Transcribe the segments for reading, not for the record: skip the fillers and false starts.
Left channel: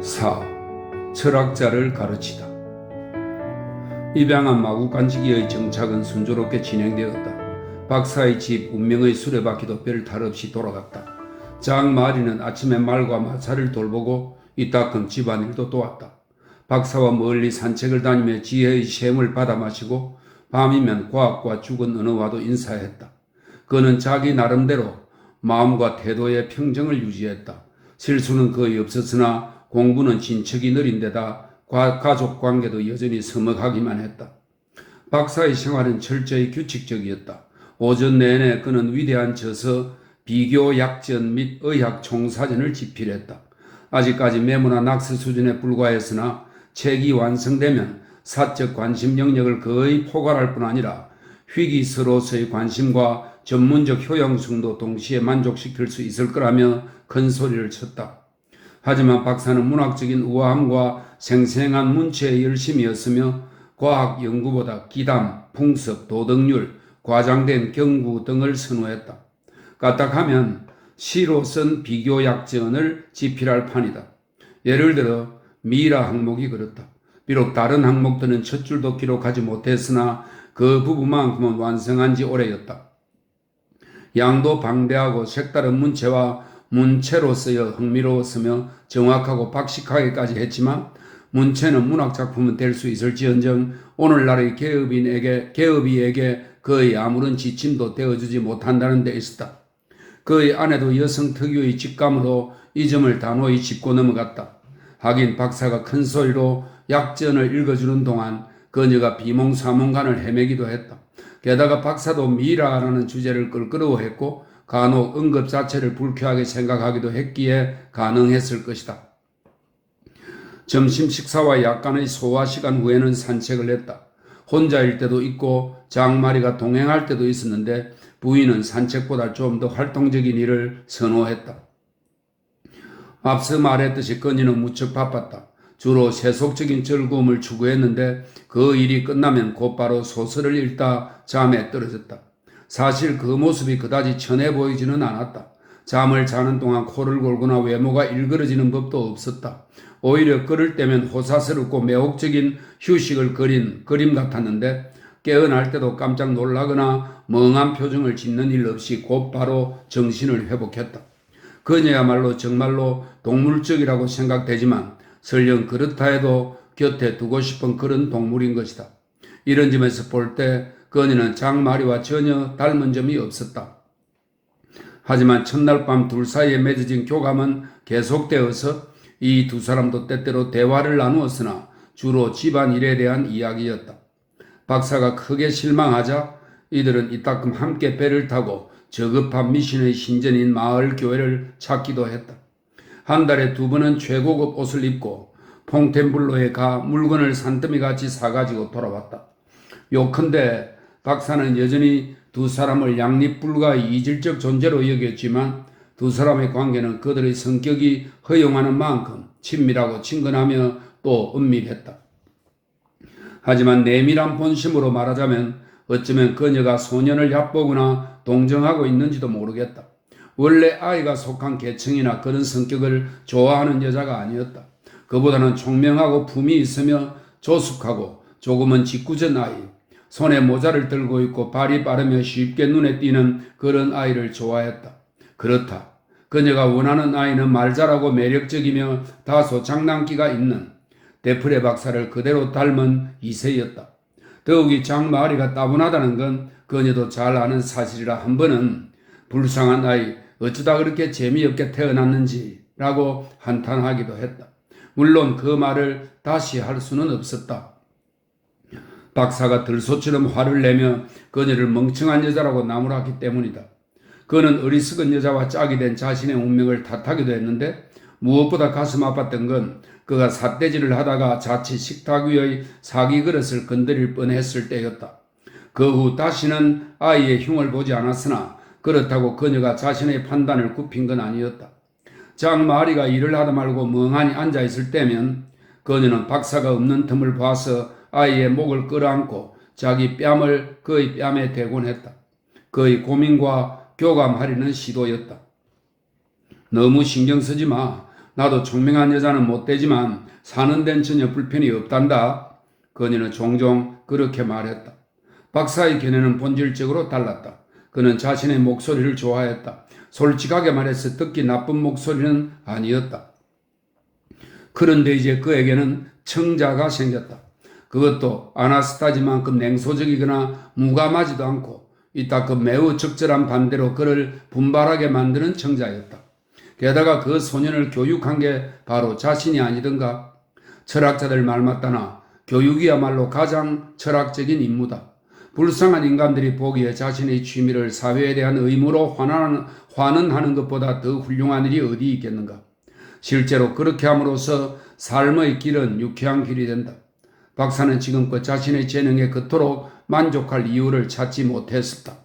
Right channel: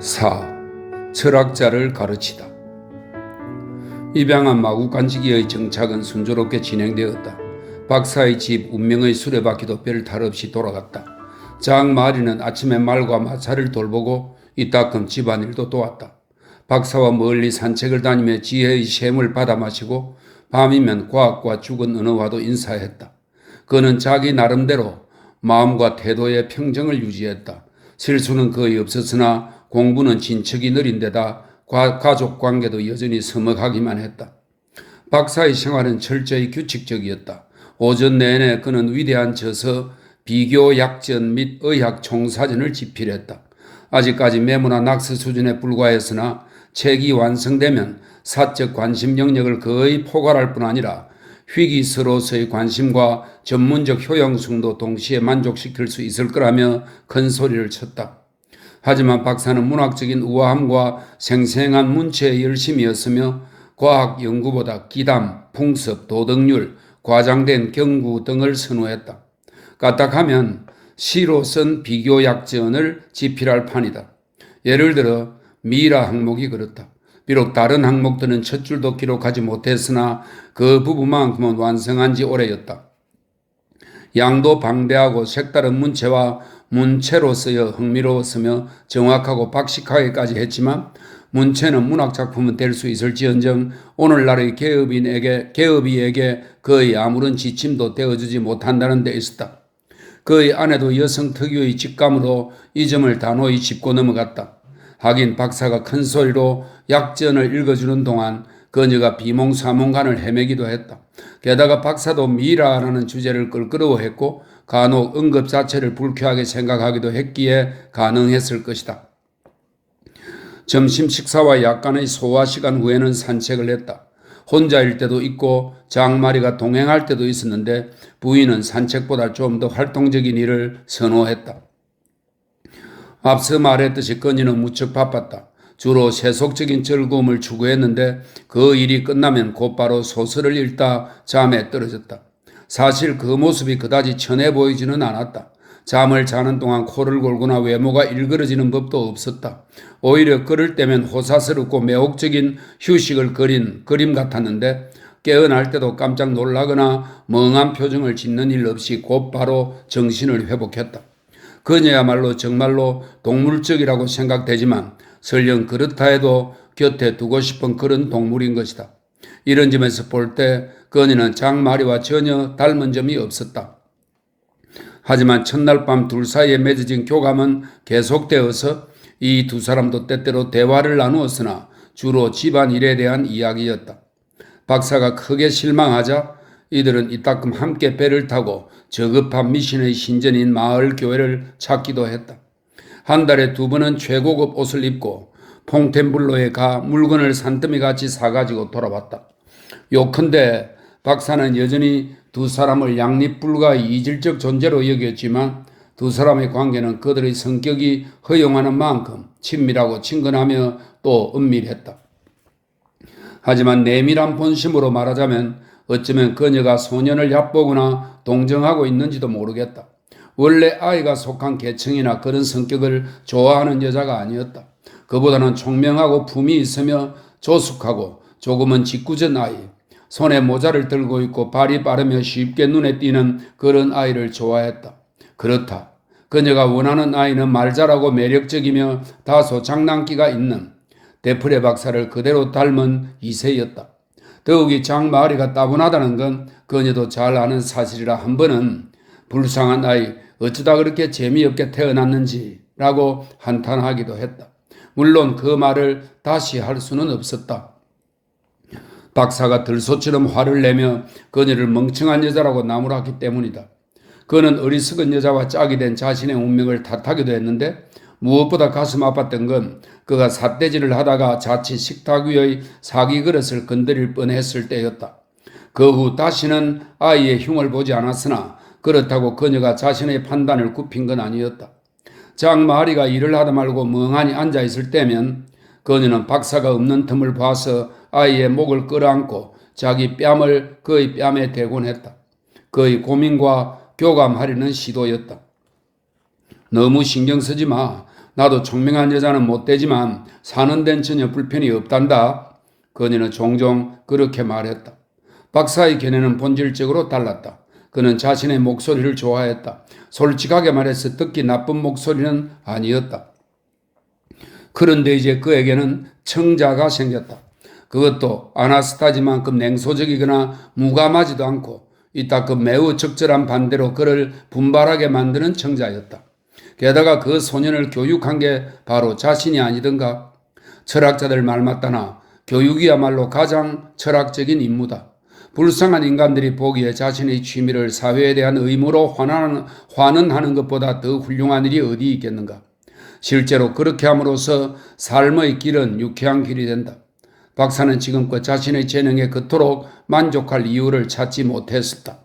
4. 철학자를 가르치다. 입양한 마구간지기의 정착은 순조롭게 진행되었다. 박사의 집 운명의 수레바퀴도 별 탈 없이 돌아갔다. 장마리는 아침에 말과 마차를 돌보고 이따금 집안일도 도왔다. 박사와 멀리 산책을 다니며 지혜의 샘을 받아 마시고 밤이면 과학과 죽은 언어와도 인사했다. 그는 자기 나름대로 마음과 태도의 평정을 유지했다. 실수는 거의 없었으나 공부는 진척이 느린 데다 가족 관계도 여전히 서먹하기만 했다. 박사의 생활은 철저히 규칙적이었다. 오전 내내 그는 위대한 저서, 비교 약전 및 의학 총사전을 집필했다. 아직까지 메모나 낙서 수준에 불과했으나 책이 완성되면 사적 관심 영역을 거의 포괄할 뿐 아니라 희귀서로서의 관심과 전문적 효용성도 동시에 만족시킬 수 있을 거라며 큰 소리를 쳤다. 하지만 박사는 문학적인 우아함과 생생한 문체의 열심이었으며 과학 연구보다 기담, 풍습, 도덕률, 과장된 경구 등을 선호했다. 까딱하면 시로 쓴 비교약전을 집필할 판이다. 예를 들어 미라 항목이 그렇다. 비록 다른 항목들은 첫 줄도 기록하지 못했으나 그 부분만큼은 완성한 지 오래였다. 양도 방대하고 색다른 문체와 문체로서여 흥미로웠으며 정확하고 박식하게까지 했지만 문체는 문학작품은 될 수 있을지언정 오늘날의 계업이에게 그의 아무런 지침도 되어주지 못한다는 데 있었다. 그의 아내도 여성 특유의 직감으로 이 점을 단호히 짚고 넘어갔다. 하긴 박사가 큰 소리로 약전을 읽어주는 동안 그녀가 비몽사몽간을 헤매기도 했다. 게다가 박사도 미라라는 주제를 껄끄러워했고 간혹 언급 자체를 불쾌하게 생각하기도 했기에 가능했을 것이다. 점심 식사와 약간의 소화 시간 후에는 산책을 했다. 혼자일 때도 있고 장마리가 동행할 때도 있었는데 부인은 산책보다 좀 더 활동적인 일을 선호했다. 앞서 말했듯이 그녀는 무척 바빴다. 주로 세속적인 즐거움을 추구했는데 그 일이 끝나면 곧바로 소설을 읽다 잠에 떨어졌다. 사실 그 모습이 그다지 천해 보이지는 않았다. 잠을 자는 동안 코를 골거나 외모가 일그러지는 법도 없었다. 오히려 걸을 때면 호사스럽고 매혹적인 휴식을 그린 그림 같았는데 깨어날 때도 깜짝 놀라거나 멍한 표정을 짓는 일 없이 곧바로 정신을 회복했다. 그녀야말로 정말로 동물적이라고 생각되지만 설령 그렇다 해도 곁에 두고 싶은 그런 동물인 것이다. 이런 점에서 볼 때 그녀는 장마리와 전혀 닮은 점이 없었다. 하지만 첫날 밤 둘 사이에 맺어진 교감은 계속되어서 이 두 사람도 때때로 대화를 나누었으나 주로 집안일에 대한 이야기였다. 박사가 크게 실망하자 이들은 이따금 함께 배를 타고 저급한 미신의 신전인 마을 교회를 찾기도 했다. 한 달에 2번은 최고급 옷을 입고 퐁텐블로에 가 물건을 산더미같이 사가지고 돌아왔다. 요컨대 박사는 여전히 두 사람을 양립불가의 이질적 존재로 여겼지만 두 사람의 관계는 그들의 성격이 허용하는 만큼 친밀하고 친근하며 또 은밀했다. 하지만 내밀한 본심으로 말하자면 어쩌면 그녀가 소년을 얕보거나 동정하고 있는지도 모르겠다. 원래 아이가 속한 계층이나 그런 성격을 좋아하는 여자가 아니었다. 그보다는 총명하고 품이 있으며 조숙하고 조금은 짓궂은 아이, 손에 모자를 들고 있고 발이 빠르며 쉽게 눈에 띄는 그런 아이를 좋아했다. 그렇다. 그녀가 원하는 아이는 말 잘하고 매력적이며 다소 장난기가 있는 데프레 박사를 그대로 닮은 이세였다. 더욱이 장마리가 따분하다는 건 그녀도 잘 아는 사실이라 한 번은 불쌍한 아이 어쩌다 그렇게 재미없게 태어났는지 라고 한탄하기도 했다. 물론 그 말을 다시 할 수는 없었다. 박사가 들소처럼 화를 내며 그녀를 멍청한 여자라고 나무랐기 때문이다. 그는 어리석은 여자와 짝이 된 자신의 운명을 탓하기도 했는데 무엇보다 가슴 아팠던 건 그가 삿대질을 하다가 자칫 식탁 위의 사기 그릇을 건드릴 뻔했을 때였다. 그 후 다시는 아이의 흉을 보지 않았으나 그렇다고 그녀가 자신의 판단을 굽힌 건 아니었다. 장마리가 일을 하다 말고 멍하니 앉아있을 때면 그녀는 박사가 없는 틈을 봐서 아이의 목을 끌어안고 자기 뺨을 그의 뺨에 대곤 했다. 그의 고민과 교감하려는 시도였다. 너무 신경 쓰지 마. 나도 총명한 여자는 못 되지만 사는 데는 전혀 불편이 없단다. 그녀는 종종 그렇게 말했다. 박사의 견해는 본질적으로 달랐다. 그는 자신의 목소리를 좋아했다. 솔직하게 말해서 듣기 나쁜 목소리는 아니었다. 그런데 이제 그에게는 청자가 생겼다. 그것도 아나스타지만큼 냉소적이거나 무감하지도 않고 이따금 매우 적절한 반대로 그를 분발하게 만드는 청자였다. 게다가 그 소년을 교육한 게 바로 자신이 아니던가. 철학자들 말 맞다나 교육이야말로 가장 철학적인 임무다. 불쌍한 인간들이 보기에 자신의 취미를 사회에 대한 의무로 환원하는 것보다 더 훌륭한 일이 어디 있겠는가. 실제로 그렇게 함으로써 삶의 길은 유쾌한 길이 된다. 박사는 지금껏 자신의 재능에 그토록 만족할 이유를 찾지 못했었다.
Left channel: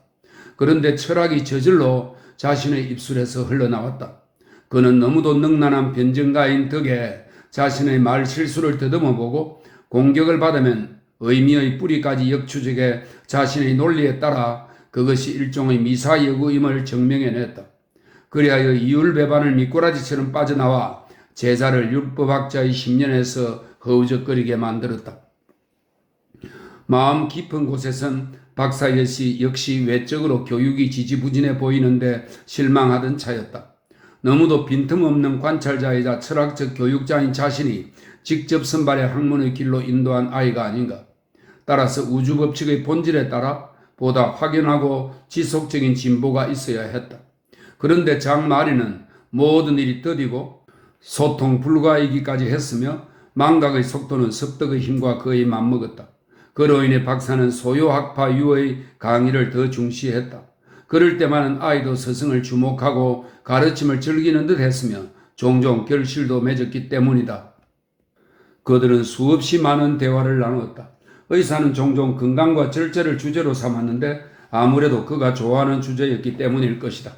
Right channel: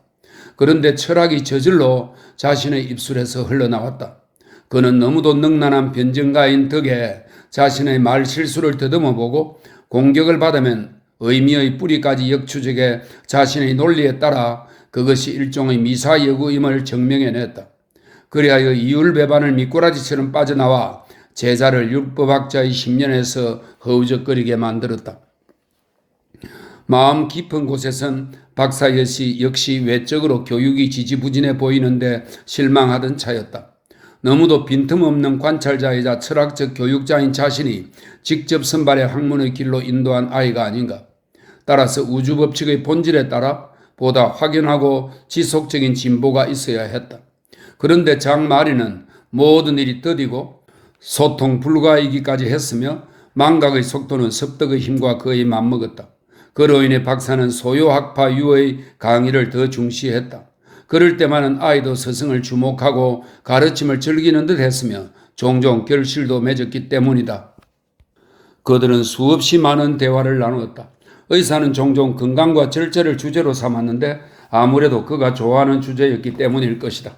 그런데 철학이 저절로 자신의 입술에서 흘러나왔다. 그는 너무도 능란한 변증가인 덕에 자신의 말 실수를 더듬어보고 공격을 받으면 의미의 뿌리까지 역추적해 자신의 논리에 따라 그것이 일종의 미사여구임을 증명해냈다. 그리하여 이율배반을 미꾸라지처럼 빠져나와 제자를 율법학자의 심년에서 허우적거리게 만들었다. 마음 깊은 곳에선 박사여시 역시 외적으로 교육이 지지부진해 보이는데 실망하던 차였다. 너무도 빈틈없는 관찰자이자 철학적 교육자인 자신이 직접 선발의 학문의 길로 인도한 아이가 아닌가. 따라서 우주법칙의 본질에 따라 보다 확연하고 지속적인 진보가 있어야 했다. 그런데 장마리는 모든 일이 더디고 소통 불가이기까지 했으며 망각의 속도는 섭덕의 힘과 거의 맞먹었다. 그로 인해 박사는 소요학파 유의 강의를 더 중시했다. 그럴 때만은 아이도 스승을 주목하고 가르침을 즐기는 듯 했으며 종종 결실도 맺었기 때문이다. 그들은 수없이 많은 대화를 나누었다. 의사는 종종 건강과 절제를 주제로 삼았는데 아무래도 그가 좋아하는 주제였기 때문일 것이다.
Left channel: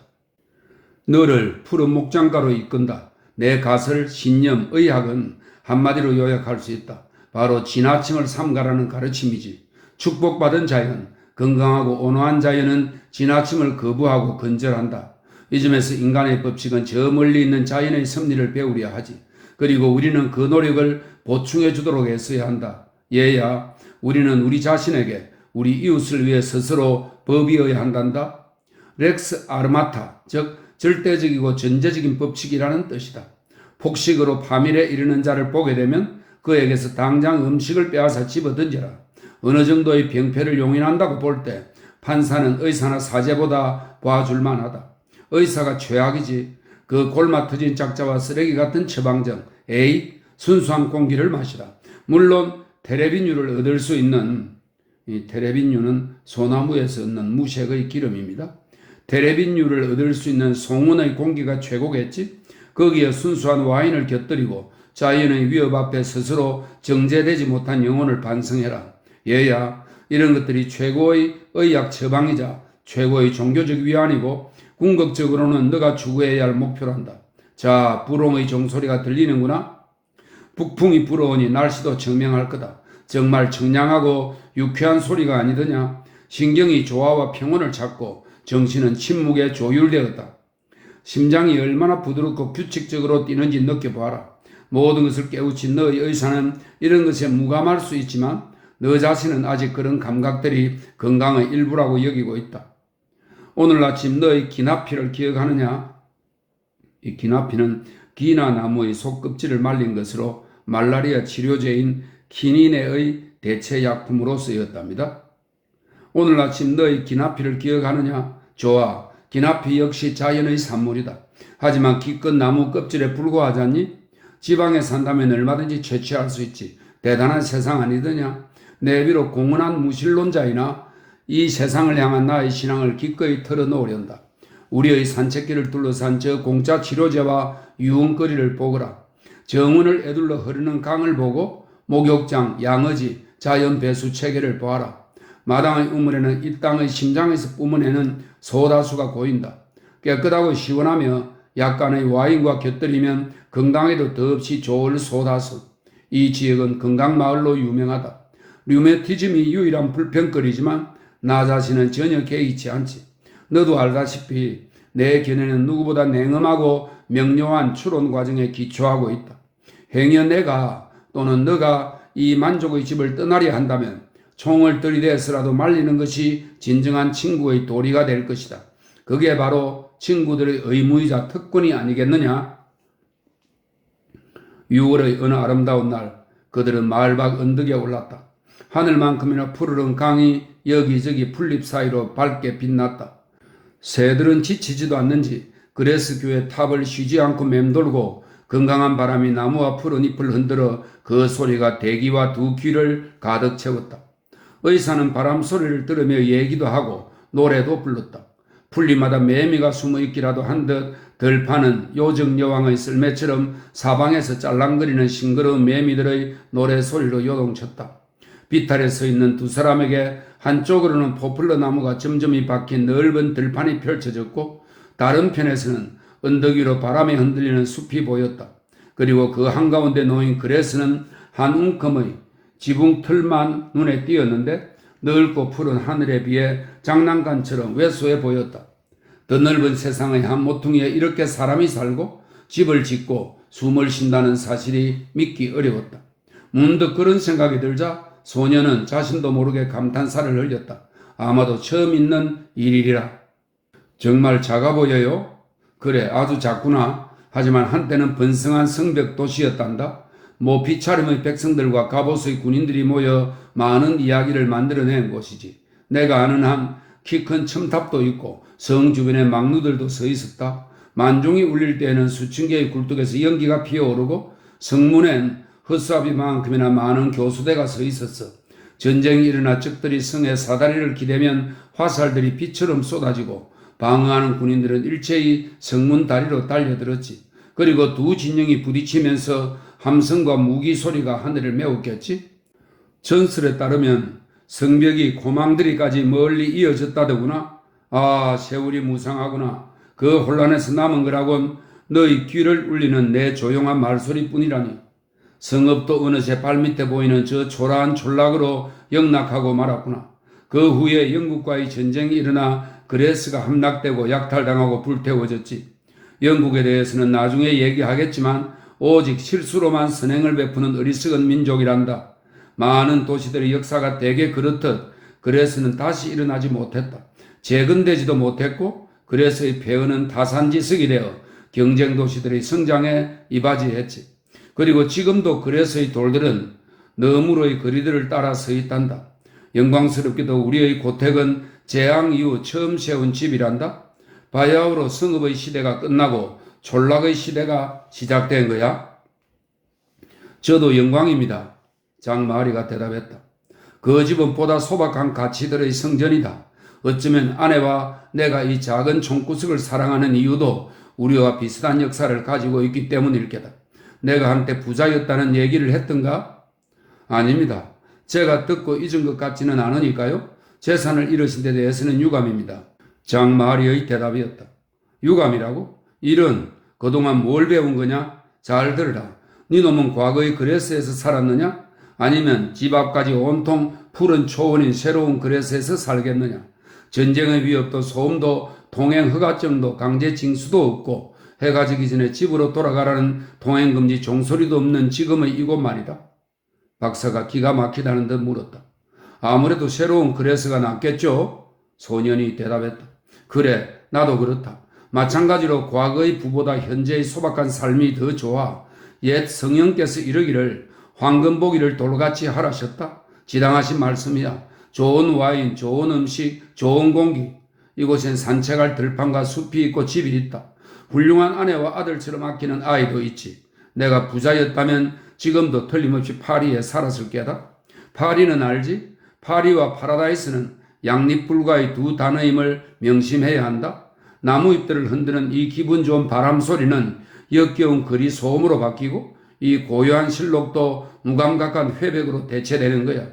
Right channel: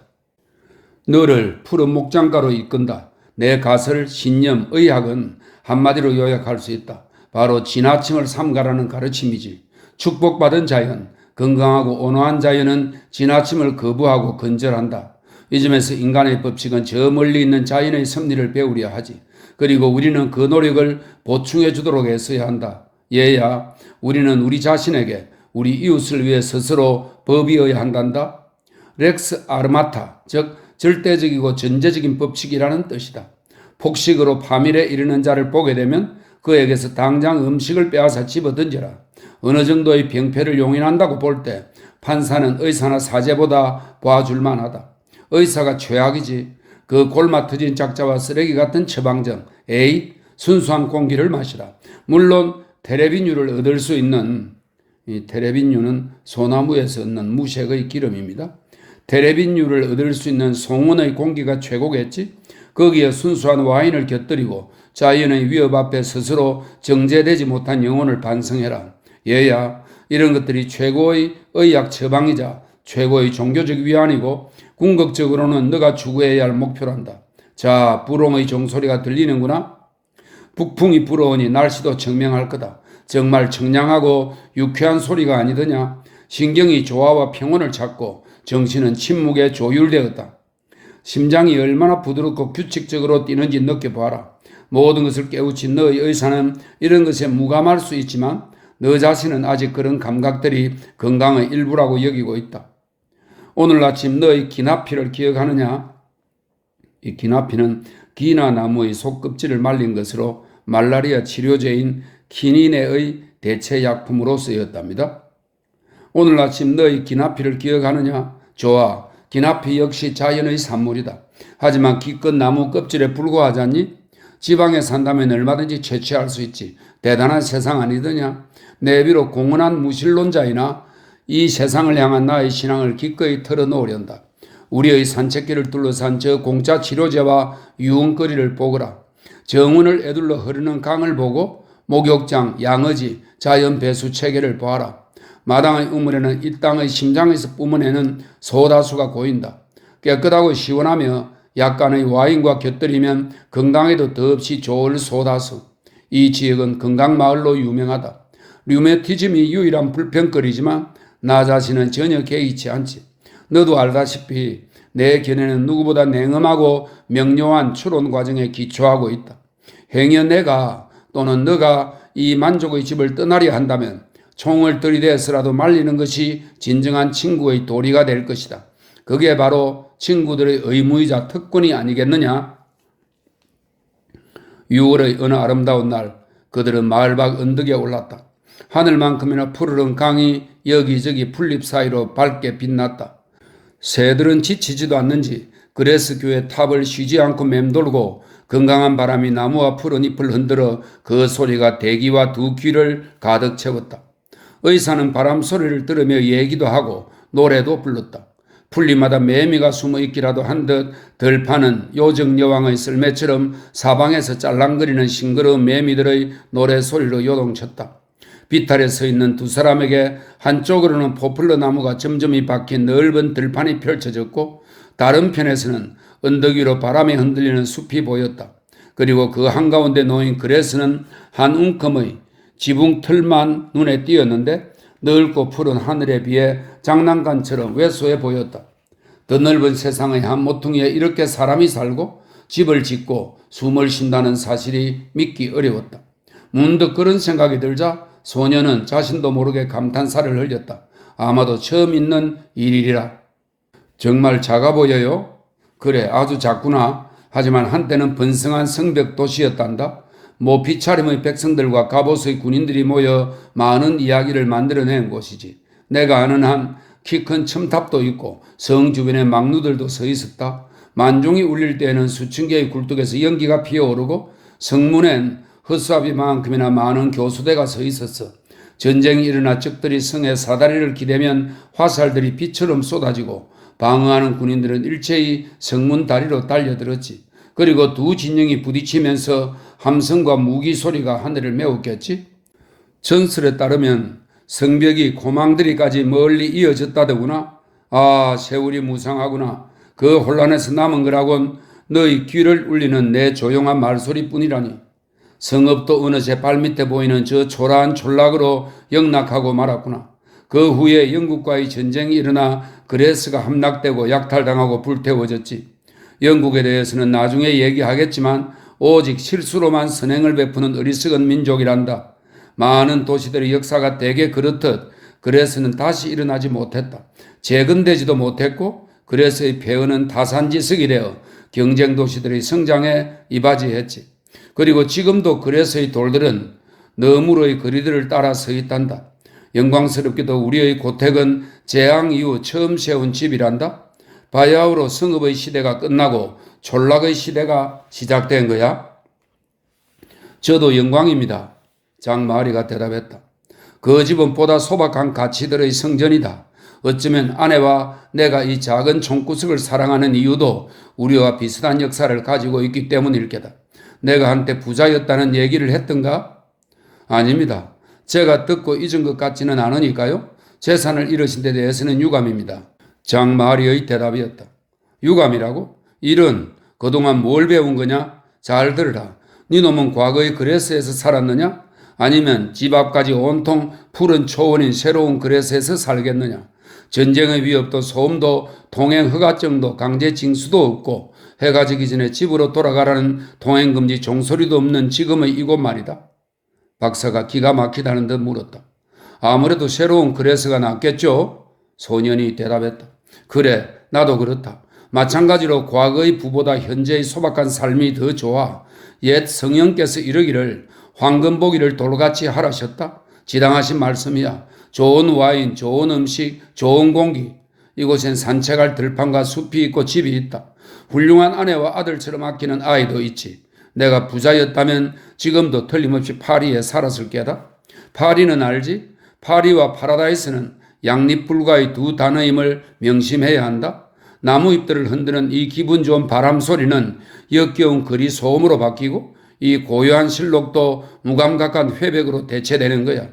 너를 푸른 목장가로 이끈다. 내 가설, 신념, 의학은 한마디로 요약할 수 있다. 바로 지나침을 삼가라는 가르침이지. 축복받은 자연, 건강하고 온화한 자연은 지나침을 거부하고 건절한다. 이 점에서 인간의 법칙은 저 멀리 있는 자연의 섭리를 배우려 하지. 그리고 우리는 그 노력을 보충해 주도록 애써야 한다. 얘야, 우리는 우리 자신에게 우리 이웃을 위해 스스로 법이어야 한단다. 렉스 아르마타, 즉 절대적이고 전제적인 법칙이라는 뜻이다. 폭식으로 파밀에 이르는 자를 보게 되면 그에게서 당장 음식을 빼앗아 집어던져라. 어느 정도의 병폐를 용인한다고 볼 때 판사는 의사나 사제보다 봐줄만 하다. 의사가 최악이지. 그 골마 터진 짝자와 쓰레기 같은 처방전, 에이, 순수한 공기를 마시라. 물론 테레비뉴를 얻을 수 있는, 이 테레비뉴는 소나무에서 얻는 무색의 기름입니다. 테레비뉴를 얻을 수 있는 송원의 공기가 최고겠지. 거기에 순수한 와인을 곁들이고 자연의 위협 앞에 스스로 정제되지 못한 영혼을 반성해라. 얘야, 이런 것들이 최고의 의학 처방이자 최고의 종교적 위안이고 궁극적으로는 너가 추구해야 할 목표란다. 자, 불홍의 종소리가 들리는구나. 북풍이 불어오니 날씨도 청명할 거다. 정말 청량하고 유쾌한 소리가 아니더냐. 신경이 조화와 평온을 찾고 정신은 침묵에 조율되었다. 심장이 얼마나 부드럽고 규칙적으로 뛰는지 느껴봐라. 모든 것을 깨우친 너의 의사는 이런 것에 무감할 수 있지만 너 자신은 아직 그런 감각들이 건강의 일부라고 여기고 있다. 오늘 아침 너의 기나피를 기억하느냐? 이 기나피는 기나 나무의 속껍질을 말린 것으로 말라리아 치료제인 키닌의 대체 약품으로 쓰였답니다. 오늘 아침 너의 기나피를 기억하느냐? 좋아. 기나피 역시 자연의 산물이다. 하지만 기껏 나무 껍질에 불과하잖니? 지방에 산다면 얼마든지 채취할 수 있지. 대단한 세상 아니더냐? 내 비록 공언한 무신론자이나 이 세상을 향한 나의 신앙을 기꺼이 털어놓으련다. 우리의 산책길을 둘러싼 저 공짜 치료제와 유흥거리를 보거라. 정원을 에둘러 흐르는 강을 보고 목욕장, 양어지, 자연 배수 체계를 보아라. 마당의 우물에는 이 땅의 심장에서 뿜어내는 소다수가 고인다. 깨끗하고 시원하며 약간의 와인과 곁들이면 건강에도 더없이 좋을 소다수. 이 지역은 건강마을로 유명하다. 류메티즘이 유일한 불평거리지만 나 자신은 전혀 개의치 않지. 너도 알다시피 내 견해는 누구보다 냉엄하고 명료한 추론 과정에 기초하고 있다. 행여 내가 또는 너가 이 만족의 집을 떠나려 한다면 총을 들이대서라도 말리는 것이 진정한 친구의 도리가 될 것이다. 그게 바로 친구들의 의무이자 특권이 아니겠느냐? 6월의 어느 아름다운 날 그들은 마을 밖 언덕에 올랐다. 하늘만큼이나 푸르른 강이 여기저기 풀잎 사이로 밝게 빛났다. 새들은 지치지도 않는지 그레스 교회 탑을 쉬지 않고 맴돌고 건강한 바람이 나무와 푸른 잎을 흔들어 그 소리가 대기와 두 귀를 가득 채웠다. 의사는 바람 소리를 들으며 얘기도 하고 노래도 불렀다. 풀잎마다 매미가 숨어 있기라도 한 듯 들판은 요정 여왕의 썰매처럼 사방에서 짤랑거리는 싱그러운 매미들의 노래소리로 요동쳤다. 비탈에 서 있는 두 사람에게 한쪽으로는 포플러 나무가 점점이 박힌 넓은 들판이 펼쳐졌고 다른 편에서는 언덕 위로 바람에 흔들리는 숲이 보였다. 그리고 그 한가운데 놓인 그레스는 한 움큼의 지붕 틀만 눈에 띄었는데 넓고 푸른 하늘에 비해 장난감처럼 왜소해 보였다. 더 넓은 세상의 한 모퉁이에 이렇게 사람이 살고 집을 짓고 숨을 쉰다는 사실이 믿기 어려웠다. 문득 그런 생각이 들자 소녀는 자신도 모르게 감탄사를 흘렸다. 아마도 처음 있는 일이라. 정말 작아 보여요? 그래, 아주 작구나. 하지만 한때는 번성한 성벽 도시였단다. 모피차림의 백성들과 갑옷의 군인들이 모여 많은 이야기를 만들어낸 곳이지. 내가 아는 한 키 큰 첨탑도 있고 성 주변에 망루들도 서 있었다. 만종이 울릴 때에는 수천 개의 굴뚝에서 연기가 피어오르고 성문엔 헛수아비만큼이나 많은 교수대가 서 있었어. 전쟁이 일어나 적들이 성에 사다리를 기대면 화살들이 비처럼 쏟아지고 방어하는 군인들은 일체히 성문 다리로 달려들었지. 그리고 두 진영이 부딪히면서 함성과 무기 소리가 하늘을 메웠겠지. 전설에 따르면 성벽이 고망들이까지 멀리 이어졌다더구나. 아, 세월이 무상하구나. 그 혼란에서 남은 거라곤 너희 귀를 울리는 내 조용한 말소리뿐이라니. 성읍도 어느새 발밑에 보이는 저 초라한 촌락으로 영락하고 말았구나. 그 후에 영국과의 전쟁이 일어나 그레스가 함락되고 약탈당하고 불태워졌지. 영국에 대해서는 나중에 얘기하겠지만 오직 실수로만 선행을 베푸는 어리석은 민족이란다. 많은 도시들의 역사가 대개 그렇듯 그레스는 다시 일어나지 못했다. 재건되지도 못했고 그레스의 폐허는 타산지석이 되어 경쟁 도시들의 성장에 이바지했지. 그리고 지금도 그레스의 돌들은 너무로의 거리들을 따라 서 있단다. 영광스럽게도 우리의 고택은 재앙 이후 처음 세운 집이란다. 바야흐로 성읍의 시대가 끝나고 촌락의 시대가 시작된 거야. 저도 영광입니다. 장마리가 대답했다. 그 집은 보다 소박한 가치들의 성전이다. 어쩌면 아내와 내가 이 작은 총구석을 사랑하는 이유도 우리와 비슷한 역사를 가지고 있기 때문일 게다. 내가 한때 부자였다는 얘기를 했던가? 아닙니다. 제가 듣고 잊은 것 같지는 않으니까요. 재산을 잃으신 데 대해서는 유감입니다. 장마리의 대답이었다. 유감이라고? 이런, 그동안 뭘 배운 거냐? 잘 들으라. 네 놈은 과거의 그레스에서 살았느냐? 아니면 집 앞까지 온통 푸른 초원인 새로운 그레스에서 살겠느냐? 전쟁의 위협도 소음도 동행 허가증도 강제 징수도 없고 해가 지기 전에 집으로 돌아가라는 동행금지 종소리도 없는 지금의 이곳 말이다. 박사가 기가 막히다는 듯 물었다. 아무래도 새로운 그레스가 낫겠죠? 소년이 대답했다. 그래, 나도 그렇다. 마찬가지로 과거의 부보다 현재의 소박한 삶이 더 좋아. 옛 성령께서 이르기를 황금보기를 돌같이 하라셨다. 지당하신 말씀이야. 좋은 와인, 좋은 음식, 좋은 공기. 이곳엔 산책할 들판과 숲이 있고 집이 있다. 훌륭한 아내와 아들처럼 아끼는 아이도 있지. 내가 부자였다면 지금도 틀림없이 파리에 살았을 게다. 파리는 알지? 파리와 파라다이스는 양립불과의 두 단어임을 명심해야 한다. 나무잎들을 흔드는 이 기분 좋은 바람 소리는 역겨운 거리 소음으로 바뀌고 이 고요한 실록도 무감각한 회백으로 대체되는 거야.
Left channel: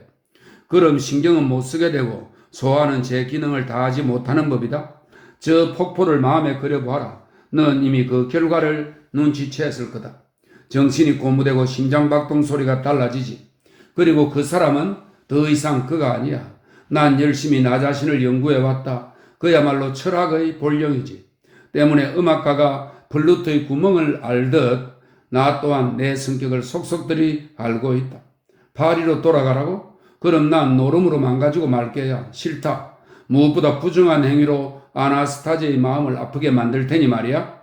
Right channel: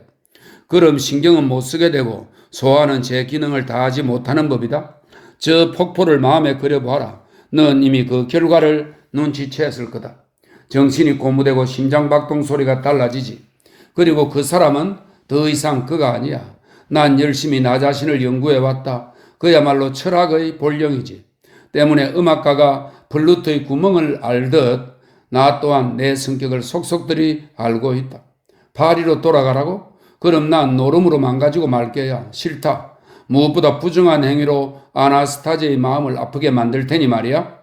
그럼 신경은 못 쓰게 되고 소화는 제 기능을 다하지 못하는 법이다. 저 폭포를 마음에 그려보아라. 넌 이미 그 결과를 눈치챘을 거다. 정신이 고무되고 심장박동 소리가 달라지지. 그리고 그 사람은 더 이상 그가 아니야. 난 열심히 나 자신을 연구해왔다. 그야말로 철학의 본령이지. 때문에 음악가가 플루토의 구멍을 알듯 나 또한 내 성격을 속속들이 알고 있다. 파리로 돌아가라고? 그럼 난 노름으로 망가지고 말게야. 싫다. 무엇보다 부정한 행위로 아나스타제의 마음을 아프게 만들 테니 말이야.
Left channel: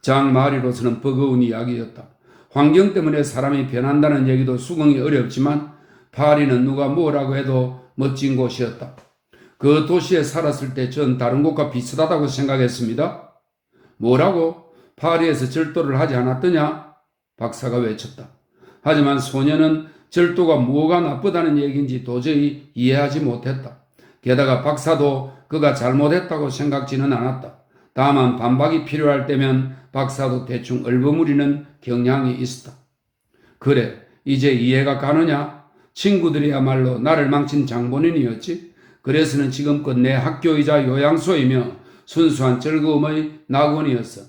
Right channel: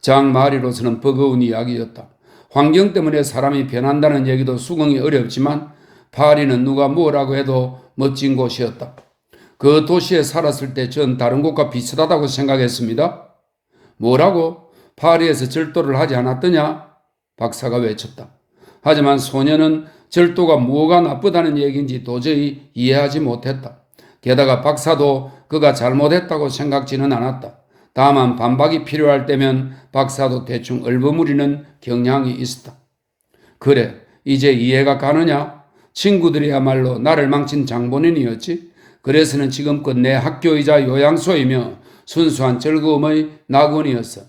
장 마리로서는 버거운 이야기였다. 환경 때문에 사람이 변한다는 얘기도 수긍이 어렵지만 파리는 누가 뭐라고 해도 멋진 곳이었다. 그 도시에 살았을 때 전 다른 곳과 비슷하다고 생각했습니다. 뭐라고? 파리에서 절도를 하지 않았더냐? 박사가 외쳤다. 하지만 소녀는 절도가 뭐가 나쁘다는 얘기인지 도저히 이해하지 못했다. 게다가 박사도 그가 잘못했다고 생각지는 않았다. 다만 반박이 필요할 때면 박사도 대충 얼버무리는 경향이 있었다. 그래, 이제 이해가 가느냐? 친구들이야말로 나를 망친 장본인이었지. 그래서는 지금껏 내 학교이자 요양소이며 순수한 즐거움의 낙원이었어.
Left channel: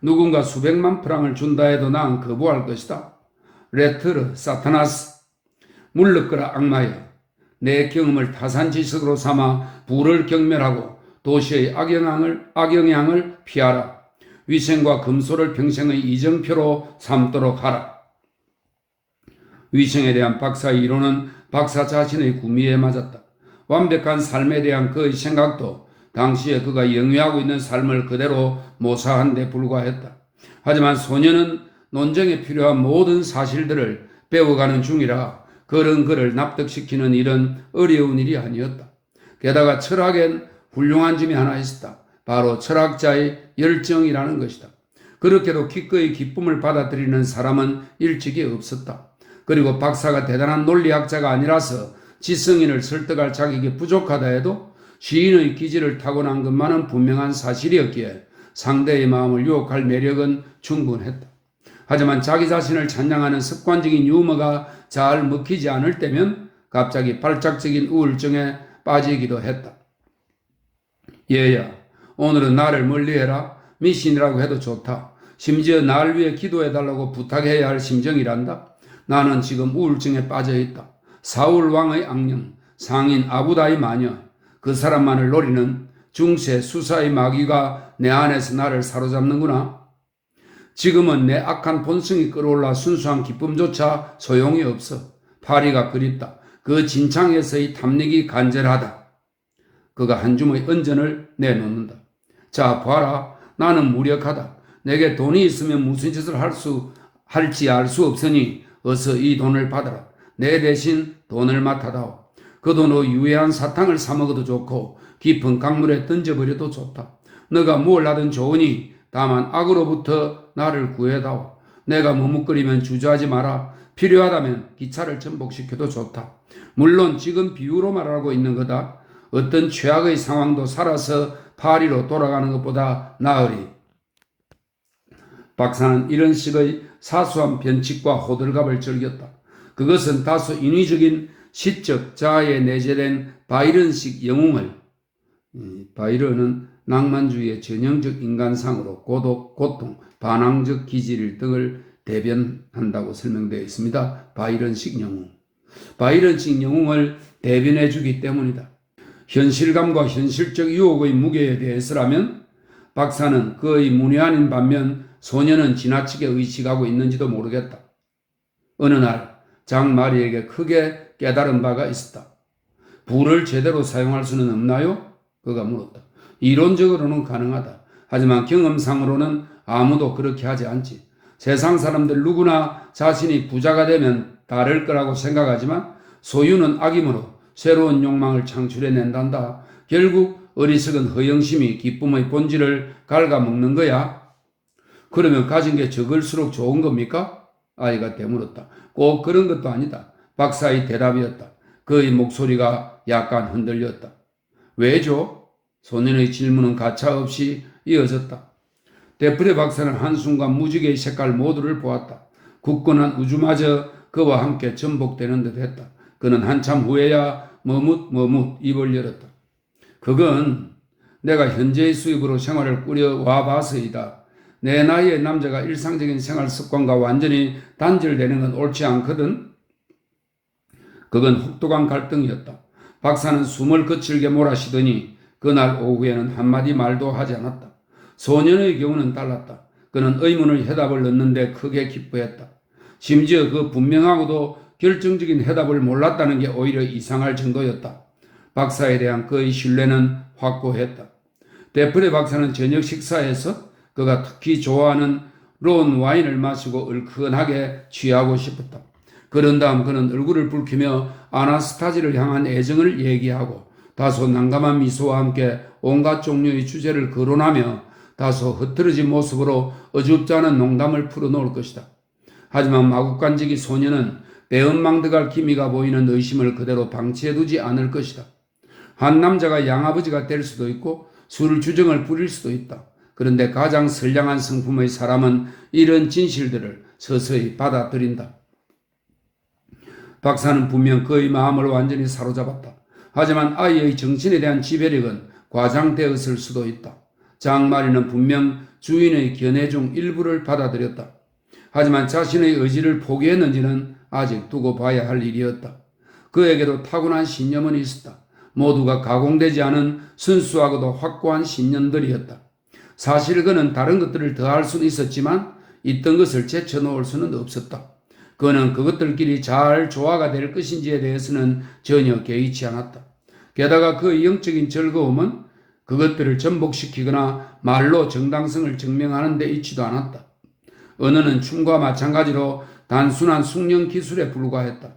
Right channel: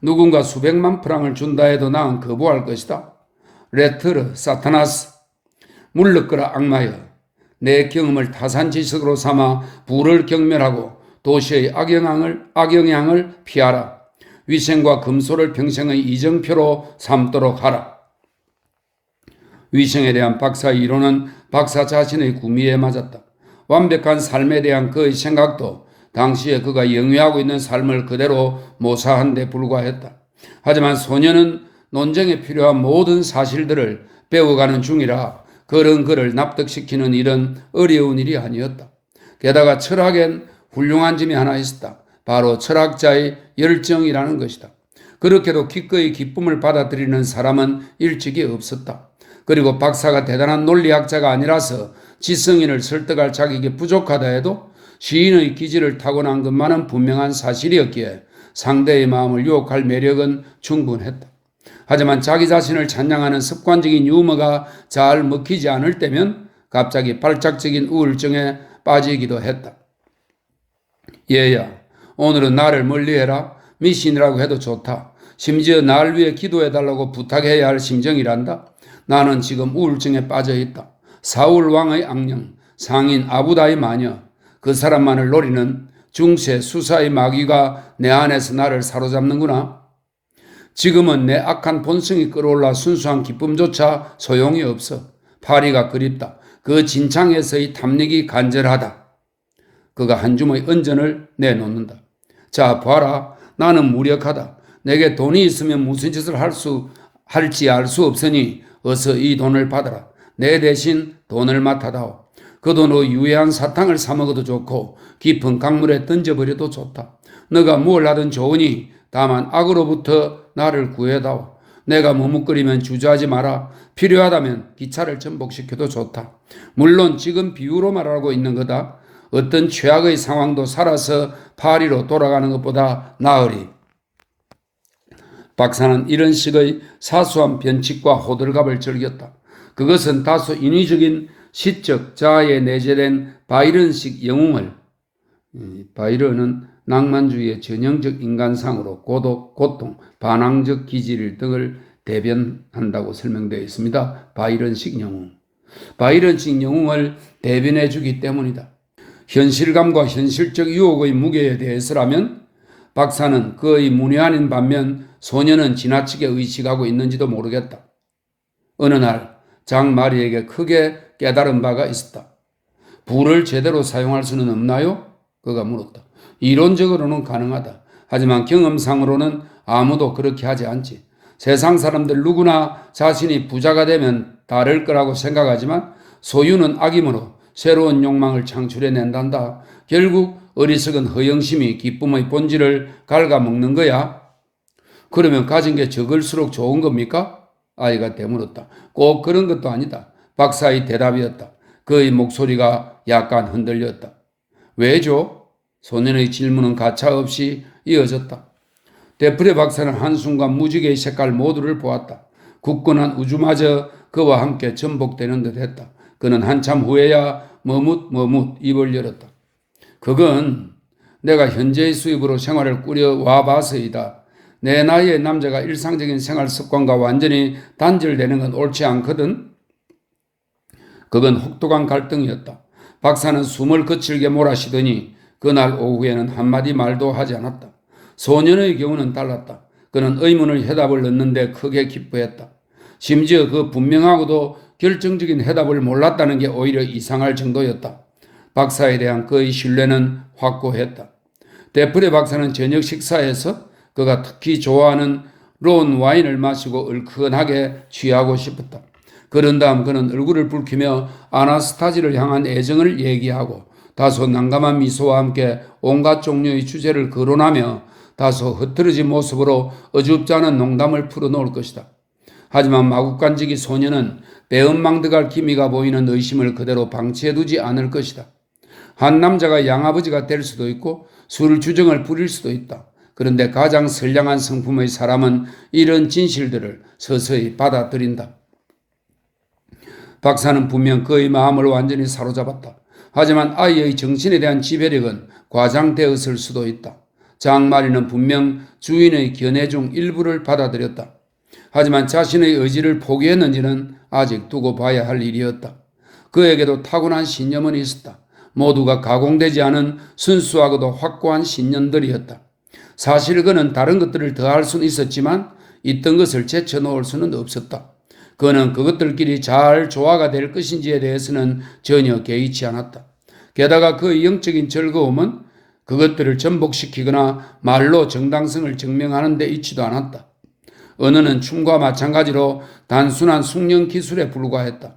누군가 수백만 프랑을 준다 해도 난 거부할 것이다. 레트르, 사타나스, 물러거라 악마여. 내 경험을 타산지석으로 삼아 부를 경멸하고 도시의 악영향을 피하라. 위생과 금소를 평생의 이정표로 삼도록 하라. 위생에 대한 박사의 이론은 박사 자신의 구미에 맞았다. 완벽한 삶에 대한 그의 생각도 당시에 그가 영위하고 있는 삶을 그대로 모사한 데 불과했다. 하지만 소녀는 논쟁에 필요한 모든 사실들을 배워가는 중이라 그런 그를 납득시키는 일은 어려운 일이 아니었다. 게다가 철학엔 훌륭한 점이 하나 있었다. 바로 철학자의 열정이라는 것이다. 그렇게도 기꺼이 기쁨을 받아들이는 사람은 일찍이 없었다. 그리고 박사가 대단한 논리학자가 아니라서 지성인을 설득할 자격이 부족하다 해도 시인의 기질을 타고난 것만은 분명한 사실이었기에 상대의 마음을 유혹할 매력은 충분했다. 하지만 자기 자신을 찬양하는 습관적인 유머가 잘 먹히지 않을 때면 갑자기 발작적인 우울증에 빠지기도 했다. 얘야, 오늘은 나를 멀리해라. 미신이라고 해도 좋다. 심지어 날 위해 기도해달라고 부탁해야 할 심정이란다. 나는 지금 우울증에 빠져있다. 사울 왕의 악령, 상인 아부다의 마녀, 그 사람만을 노리는 중세 수사의 마귀가 내 안에서 나를 사로잡는구나. 지금은 내 악한 본성이 끌어올라 순수한 기쁨조차 소용이 없어. 파리가 그립다. 그 진창에서의 탐닉이 간절하다. 그가 한 줌의 은전을 내놓는다. 자, 봐라. 나는 무력하다. 내게 돈이 있으면 무슨 짓을 할지 알 수 없으니 어서 이 돈을 받아라. 내 대신 돈을 맡아다오. 그 돈으로 유해한 사탕을 사 먹어도 좋고 깊은 강물에 던져버려도 좋다. 너가 뭘 하든 좋으니 다만 악으로부터 나를 구해다오. 내가 머뭇거리면 주저하지 마라. 필요하다면 기차를 전복시켜도 좋다. 물론 지금 비유로 말하고 있는 거다. 어떤 최악의 상황도 살아서 파리로 돌아가는 것보다 나으리. 박사는 이런 식의 사소한 변칙과 호들갑을 즐겼다. 그것은 다소 인위적인 시적 자아에 내재된 바이런식 영웅을, 바이런은 낭만주의의 전형적 인간상으로 고독, 고통, 반항적 기질 등을 대변한다고 설명되어 있습니다. 바이런식 영웅. 바이런식 영웅을 대변해 주기 때문이다. 현실감과 현실적 유혹의 무게에 대해서라면 박사는 그의 문외한인 반면 소녀는 지나치게 의식하고 있는지도 모르겠다. 어느 날 장마리에게 크게 깨달은 바가 있었다. 불을 제대로 사용할 수는 없나요? 그가 물었다. 이론적으로는 가능하다. 하지만 경험상으로는 아무도 그렇게 하지 않지. 세상 사람들 누구나 자신이 부자가 되면 다를 거라고 생각하지만 소유는 악이므로 새로운 욕망을 창출해낸단다. 결국 어리석은 허영심이 기쁨의 본질을 갉아먹는 거야. 그러면 가진 게 적을수록 좋은 겁니까? 아이가 되물었다. 꼭 그런 것도 아니다. 박사의 대답이었다. 그의 목소리가 약간 흔들렸다. 왜죠? 소년의 질문은 가차없이 이어졌다. 데프레 박사는 한순간 무지개의 색깔 모두를 보았다. 굳건한 우주마저 그와 함께 전복되는 듯 했다. 그는 한참 후에야 머뭇 입을 열었다. 그건 내가 현재의 수입으로 생활을 꾸려와 봐서이다. 내 나이의 남자가 일상적인 생활 습관과 완전히 단절되는 건 옳지 않거든. 그건 혹독한 갈등이었다. 박사는 숨을 거칠게 몰아쉬더니 그날 오후에는 한마디 말도 하지 않았다. 소년의 경우는 달랐다. 그는 의문을 해답을 얻는데 크게 기뻐했다. 심지어 그 분명하고도 결정적인 해답을 몰랐다는 게 오히려 이상할 정도였다. 박사에 대한 그의 신뢰는 확고했다. 데프레 박사는 저녁 식사에서 그가 특히 좋아하는 론 와인을 마시고 얼큰하게 취하고 싶었다. 그런 다음 그는 얼굴을 붉히며 아나스타지를 향한 애정을 얘기하고 다소 난감한 미소와 함께 온갖 종류의 주제를 거론하며 다소 흐트러진 모습으로 어줍지 않은 농담을 풀어놓을 것이다. 하지만 마구간지기 소녀는 배은망덕할 기미가 보이는 의심을 그대로 방치해두지 않을 것이다. 한 남자가 양아버지가 될 수도 있고 술 주정을 부릴 수도 있다. 그런데 가장 선량한 성품의 사람은 이런 진실들을 서서히 받아들인다. 박사는 분명 그의 마음을 완전히 사로잡았다. 하지만 아이의 정신에 대한 지배력은 과장되었을 수도 있다. 장마리는 분명 주인의 견해 중 일부를 받아들였다. 하지만 자신의 의지를 포기했는지는 아직 두고 봐야 할 일이었다. 그에게도 타고난 신념은 있었다. 모두가 가공되지 않은 순수하고도 확고한 신념들이었다. 사실 그는 다른 것들을 더할 수는 있었지만 있던 것을 제쳐놓을 수는 없었다. 그는 그것들끼리 잘 조화가 될 것인지에 대해서는 전혀 개의치 않았다. 게다가 그의 영적인 즐거움은 그것들을 전복시키거나 말로 정당성을 증명하는 데 있지도 않았다. 언어는 춤과 마찬가지로 단순한 숙련 기술에 불과했다.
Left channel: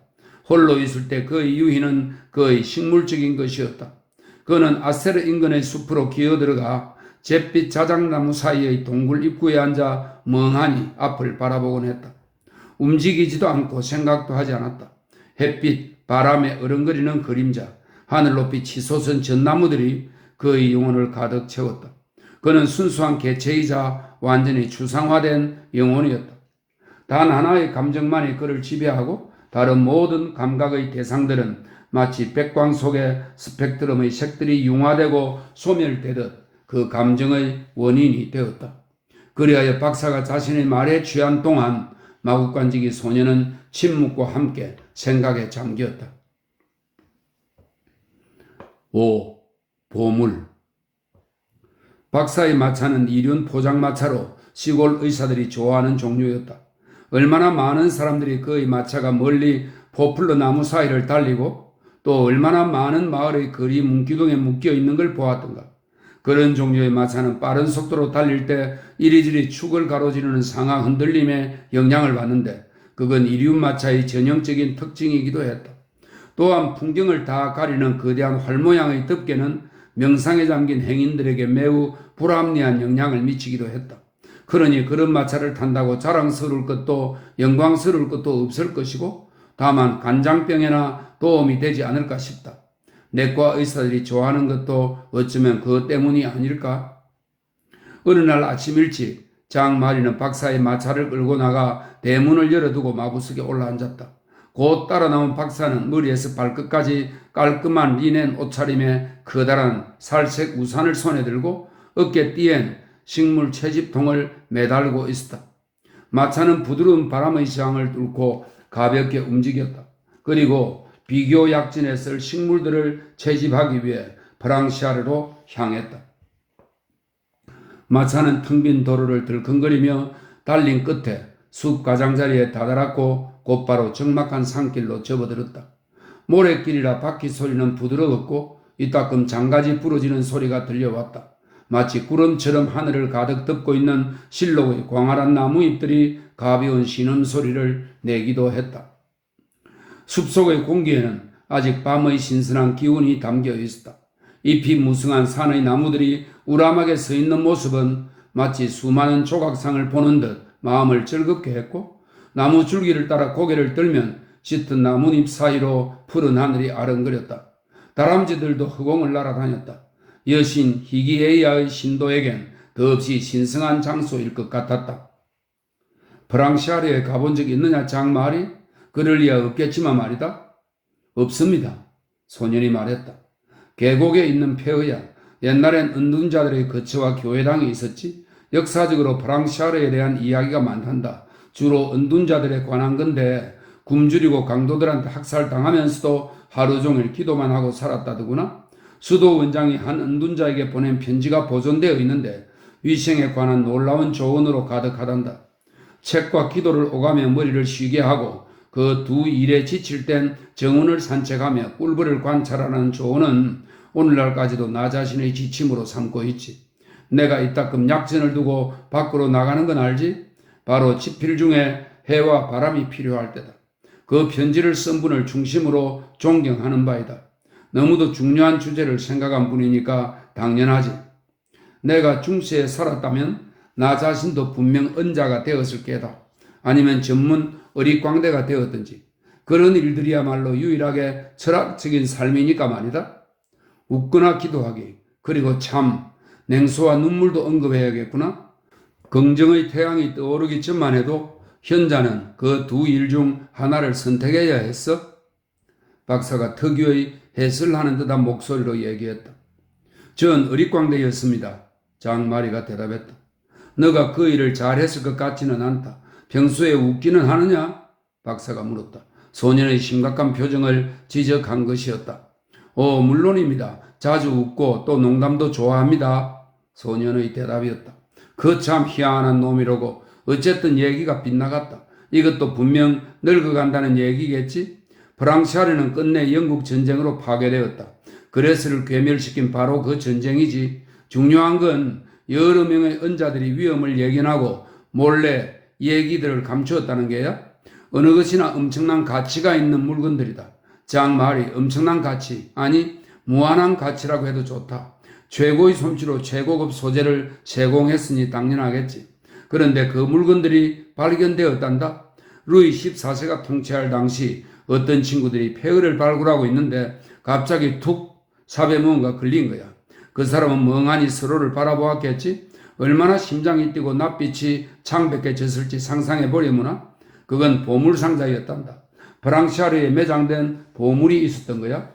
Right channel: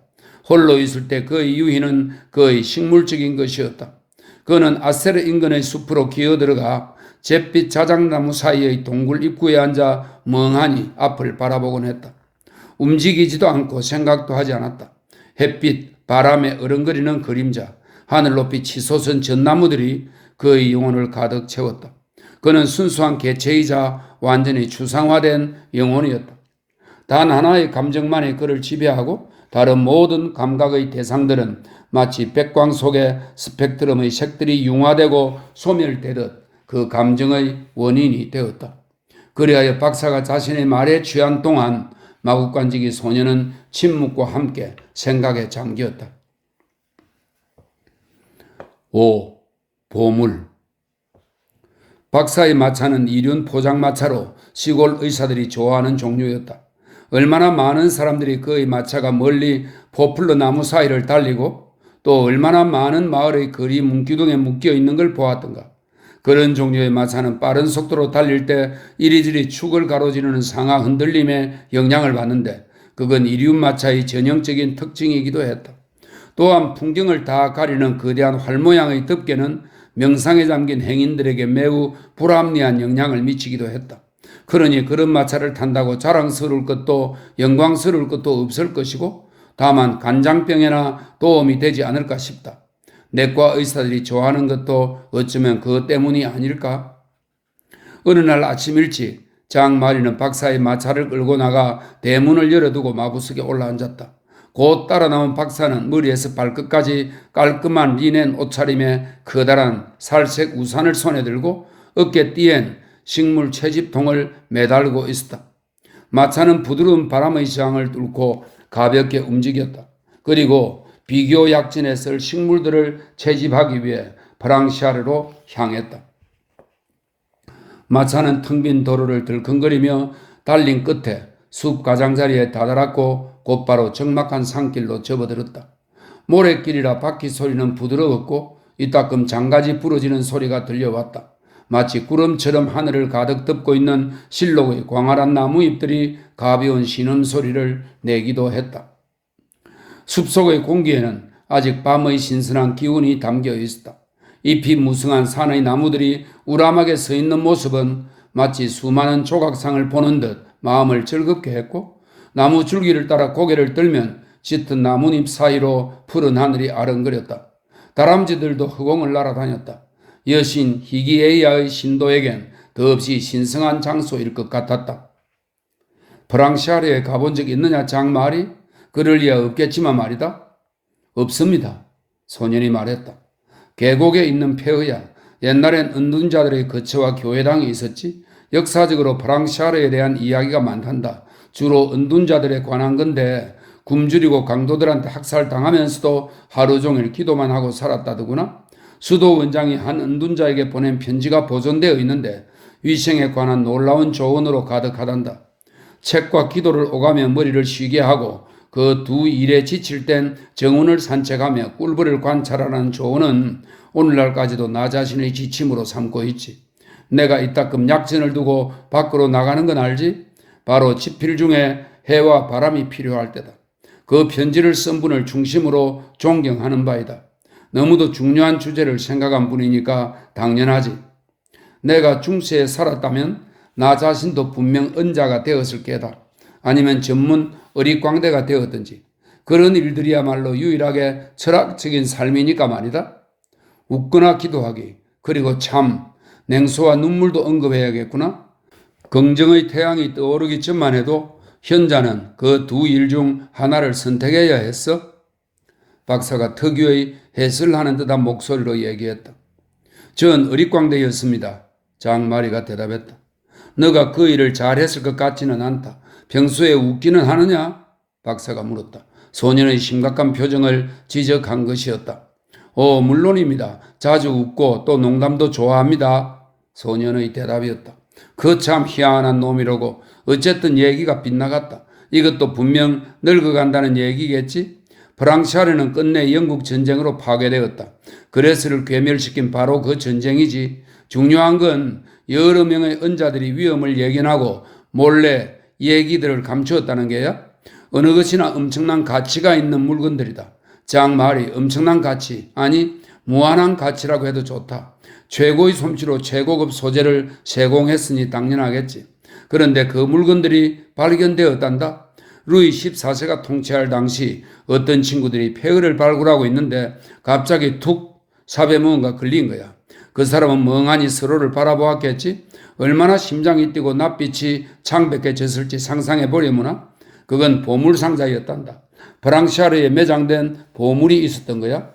홀로 있을 때 그의 유희는 그의 식물적인 것이었다. 그는 아세르 인근의 숲으로 기어들어가 잿빛 자작나무 사이의 동굴 입구에 앉아 멍하니 앞을 바라보곤 했다. 움직이지도 않고 생각도 하지 않았다. 햇빛, 바람에 어른거리는 그림자, 하늘 높이 치솟은 전나무들이 그의 영혼을 가득 채웠다. 그는 순수한 개체이자 완전히 추상화된 영혼이었다. 단 하나의 감정만이 그를 지배하고 다른 모든 감각의 대상들은 마치 백광 속에 스펙트럼의 색들이 융화되고 소멸되듯 그 감정의 원인이 되었다. 그리하여 박사가 자신의 말에 취한 동안 마구간지기 소녀는 침묵과 함께 생각에 잠겼다. 5. 보물. 박사의 마차는 이륜 포장마차로 시골 의사들이 좋아하는 종류였다. 얼마나 많은 사람들이 그의 마차가 멀리 포플러 나무 사이를 달리고 또 얼마나 많은 마을의 거리 문기둥에 묶여 있는 걸 보았던가. 그런 종류의 마차는 빠른 속도로 달릴 때 이리저리 축을 가로지르는 상하 흔들림에 영향을 받는데 그건 이륜 마차의 전형적인 특징이기도 했다. 또한 풍경을 다 가리는 거대한 활 모양의 덮개는 명상에 잠긴 행인들에게 매우 불합리한 영향을 미치기도 했다. 그러니 그런 마차를 탄다고 자랑스러울 것도 영광스러울 것도 없을 것이고 다만 간장병에나 도움이 되지 않을까 싶다. 내과 의사들이 좋아하는 것도 어쩌면 그것 때문이 아닐까? 어느 날 아침 일찍 장마리는 박사의 마차를 끌고 나가 대문을 열어두고 마부석에 올라앉았다. 곧 따라 나온 박사는 머리에서 발끝까지 깔끔한 리넨 옷차림에 커다란 살색 우산을 손에 들고 어깨띠엔 식물 채집통을 매달고 있었다. 마차는 부드러운 바람의 저항을 뚫고 가볍게 움직였다. 그리고 비교 약진에 쓸 식물들을 채집하기 위해 프랑시아르로 향했다. 마차는 텅 빈 도로를 들컹거리며 달린 끝에 숲 가장자리에 다다랐고 곧바로 적막한 산길로 접어들었다. 모래길이라 바퀴 소리는 부드러웠고 이따금 장가지 부러지는 소리가 들려왔다. 마치 구름처럼 하늘을 가득 덮고 있는 실록의 광활한 나무잎들이 가벼운 신음소리를 내기도 했다. 숲속의 공기에는 아직 밤의 신선한 기운이 담겨 있었다. 잎이 무성한 산의 나무들이 우람하게 서 있는 모습은 마치 수많은 조각상을 보는 듯 마음을 즐겁게 했고 나무 줄기를 따라 고개를 들면 짙은 나뭇잎 사이로 푸른 하늘이 아른거렸다. 다람쥐들도 허공을 날아다녔다. 여신 히기에이아의 신도에겐 더없이 신성한 장소일 것 같았다. 프랑시아르에 가본 적 있느냐 장마리? 그럴 리야 없겠지만 말이다. 없습니다. 소년이 말했다. 계곡에 있는 폐허야. 옛날엔 은둔자들의 거처와 교회당이 있었지. 역사적으로 프랑시아르에 대한 이야기가 많단다. 주로 은둔자들에 관한 건데 굶주리고 강도들한테 학살당하면서도 하루 종일 기도만 하고 살았다더구나. 수도 원장이 한 은둔자에게 보낸 편지가 보존되어 있는데 위생에 관한 놀라운 조언으로 가득하단다. 책과 기도를 오가며 머리를 쉬게 하고 그 두 일에 지칠 땐 정운을 산책하며 꿀벌을 관찰하는 조언은 오늘날까지도 나 자신의 지침으로 삼고 있지. 내가 이따금 약전을 두고 밖으로 나가는 건 알지? 바로 집필 중에 해와 바람이 필요할 때다. 그 편지를 쓴 분을 중심으로 존경하는 바이다. 너무도 중요한 주제를 생각한 분이니까 당연하지. 내가 중세에 살았다면 나 자신도 분명 은자가 되었을 게다. 아니면 전문 어릿광대가 되었든지. 그런 일들이야말로 유일하게 철학적인 삶이니까 말이다. 웃거나 기도하기, 그리고 참, 냉소와 눈물도 언급해야겠구나. 긍정의 태양이 떠오르기 전만 해도 현자는 그 두 일 중 하나를 선택해야 했어. 박사가 특유의 해설을 하는 듯한 목소리로 얘기했다. 전 어릿광대였습니다. 장마리가 대답했다. 너가 그 일을 잘했을 것 같지는 않다. 평소에 웃기는 하느냐? 박사가 물었다. 소년의 심각한 표정을 지적한 것이었다. 물론입니다. 자주 웃고 또 농담도 좋아합니다. 소년의 대답이었다. 그 참 희한한 놈이라고. 어쨌든 얘기가 빗나갔다. 이것도 분명 늙어간다는 얘기겠지? 프랑시아르는 끝내 영국 전쟁으로 파괴되었다. 그레스를 괴멸시킨 바로 그 전쟁이지. 중요한 건 여러 명의 은자들이 위험을 예견하고 몰래 얘기들을 감추었다는 게야. 어느 것이나 엄청난 가치가 있는 물건들이다. 장말이 엄청난 가치, 아니 무한한 가치라고 해도 좋다. 최고의 솜씨로 최고급 소재를 제공했으니 당연하겠지. 그런데 그 물건들이 발견되었단다. 루이 14세가 통치할 당시 어떤 친구들이 폐허를 발굴하고 있는데 갑자기 툭 삽에 무언가 걸린 거야. 그 사람은 멍하니 서로를 바라보았겠지. 얼마나 심장이 뛰고 낯빛이 창백해졌을지 상상해보려무나. 그건 보물상자였단다. 프랑시아르에 매장된 보물이 있었던 거야.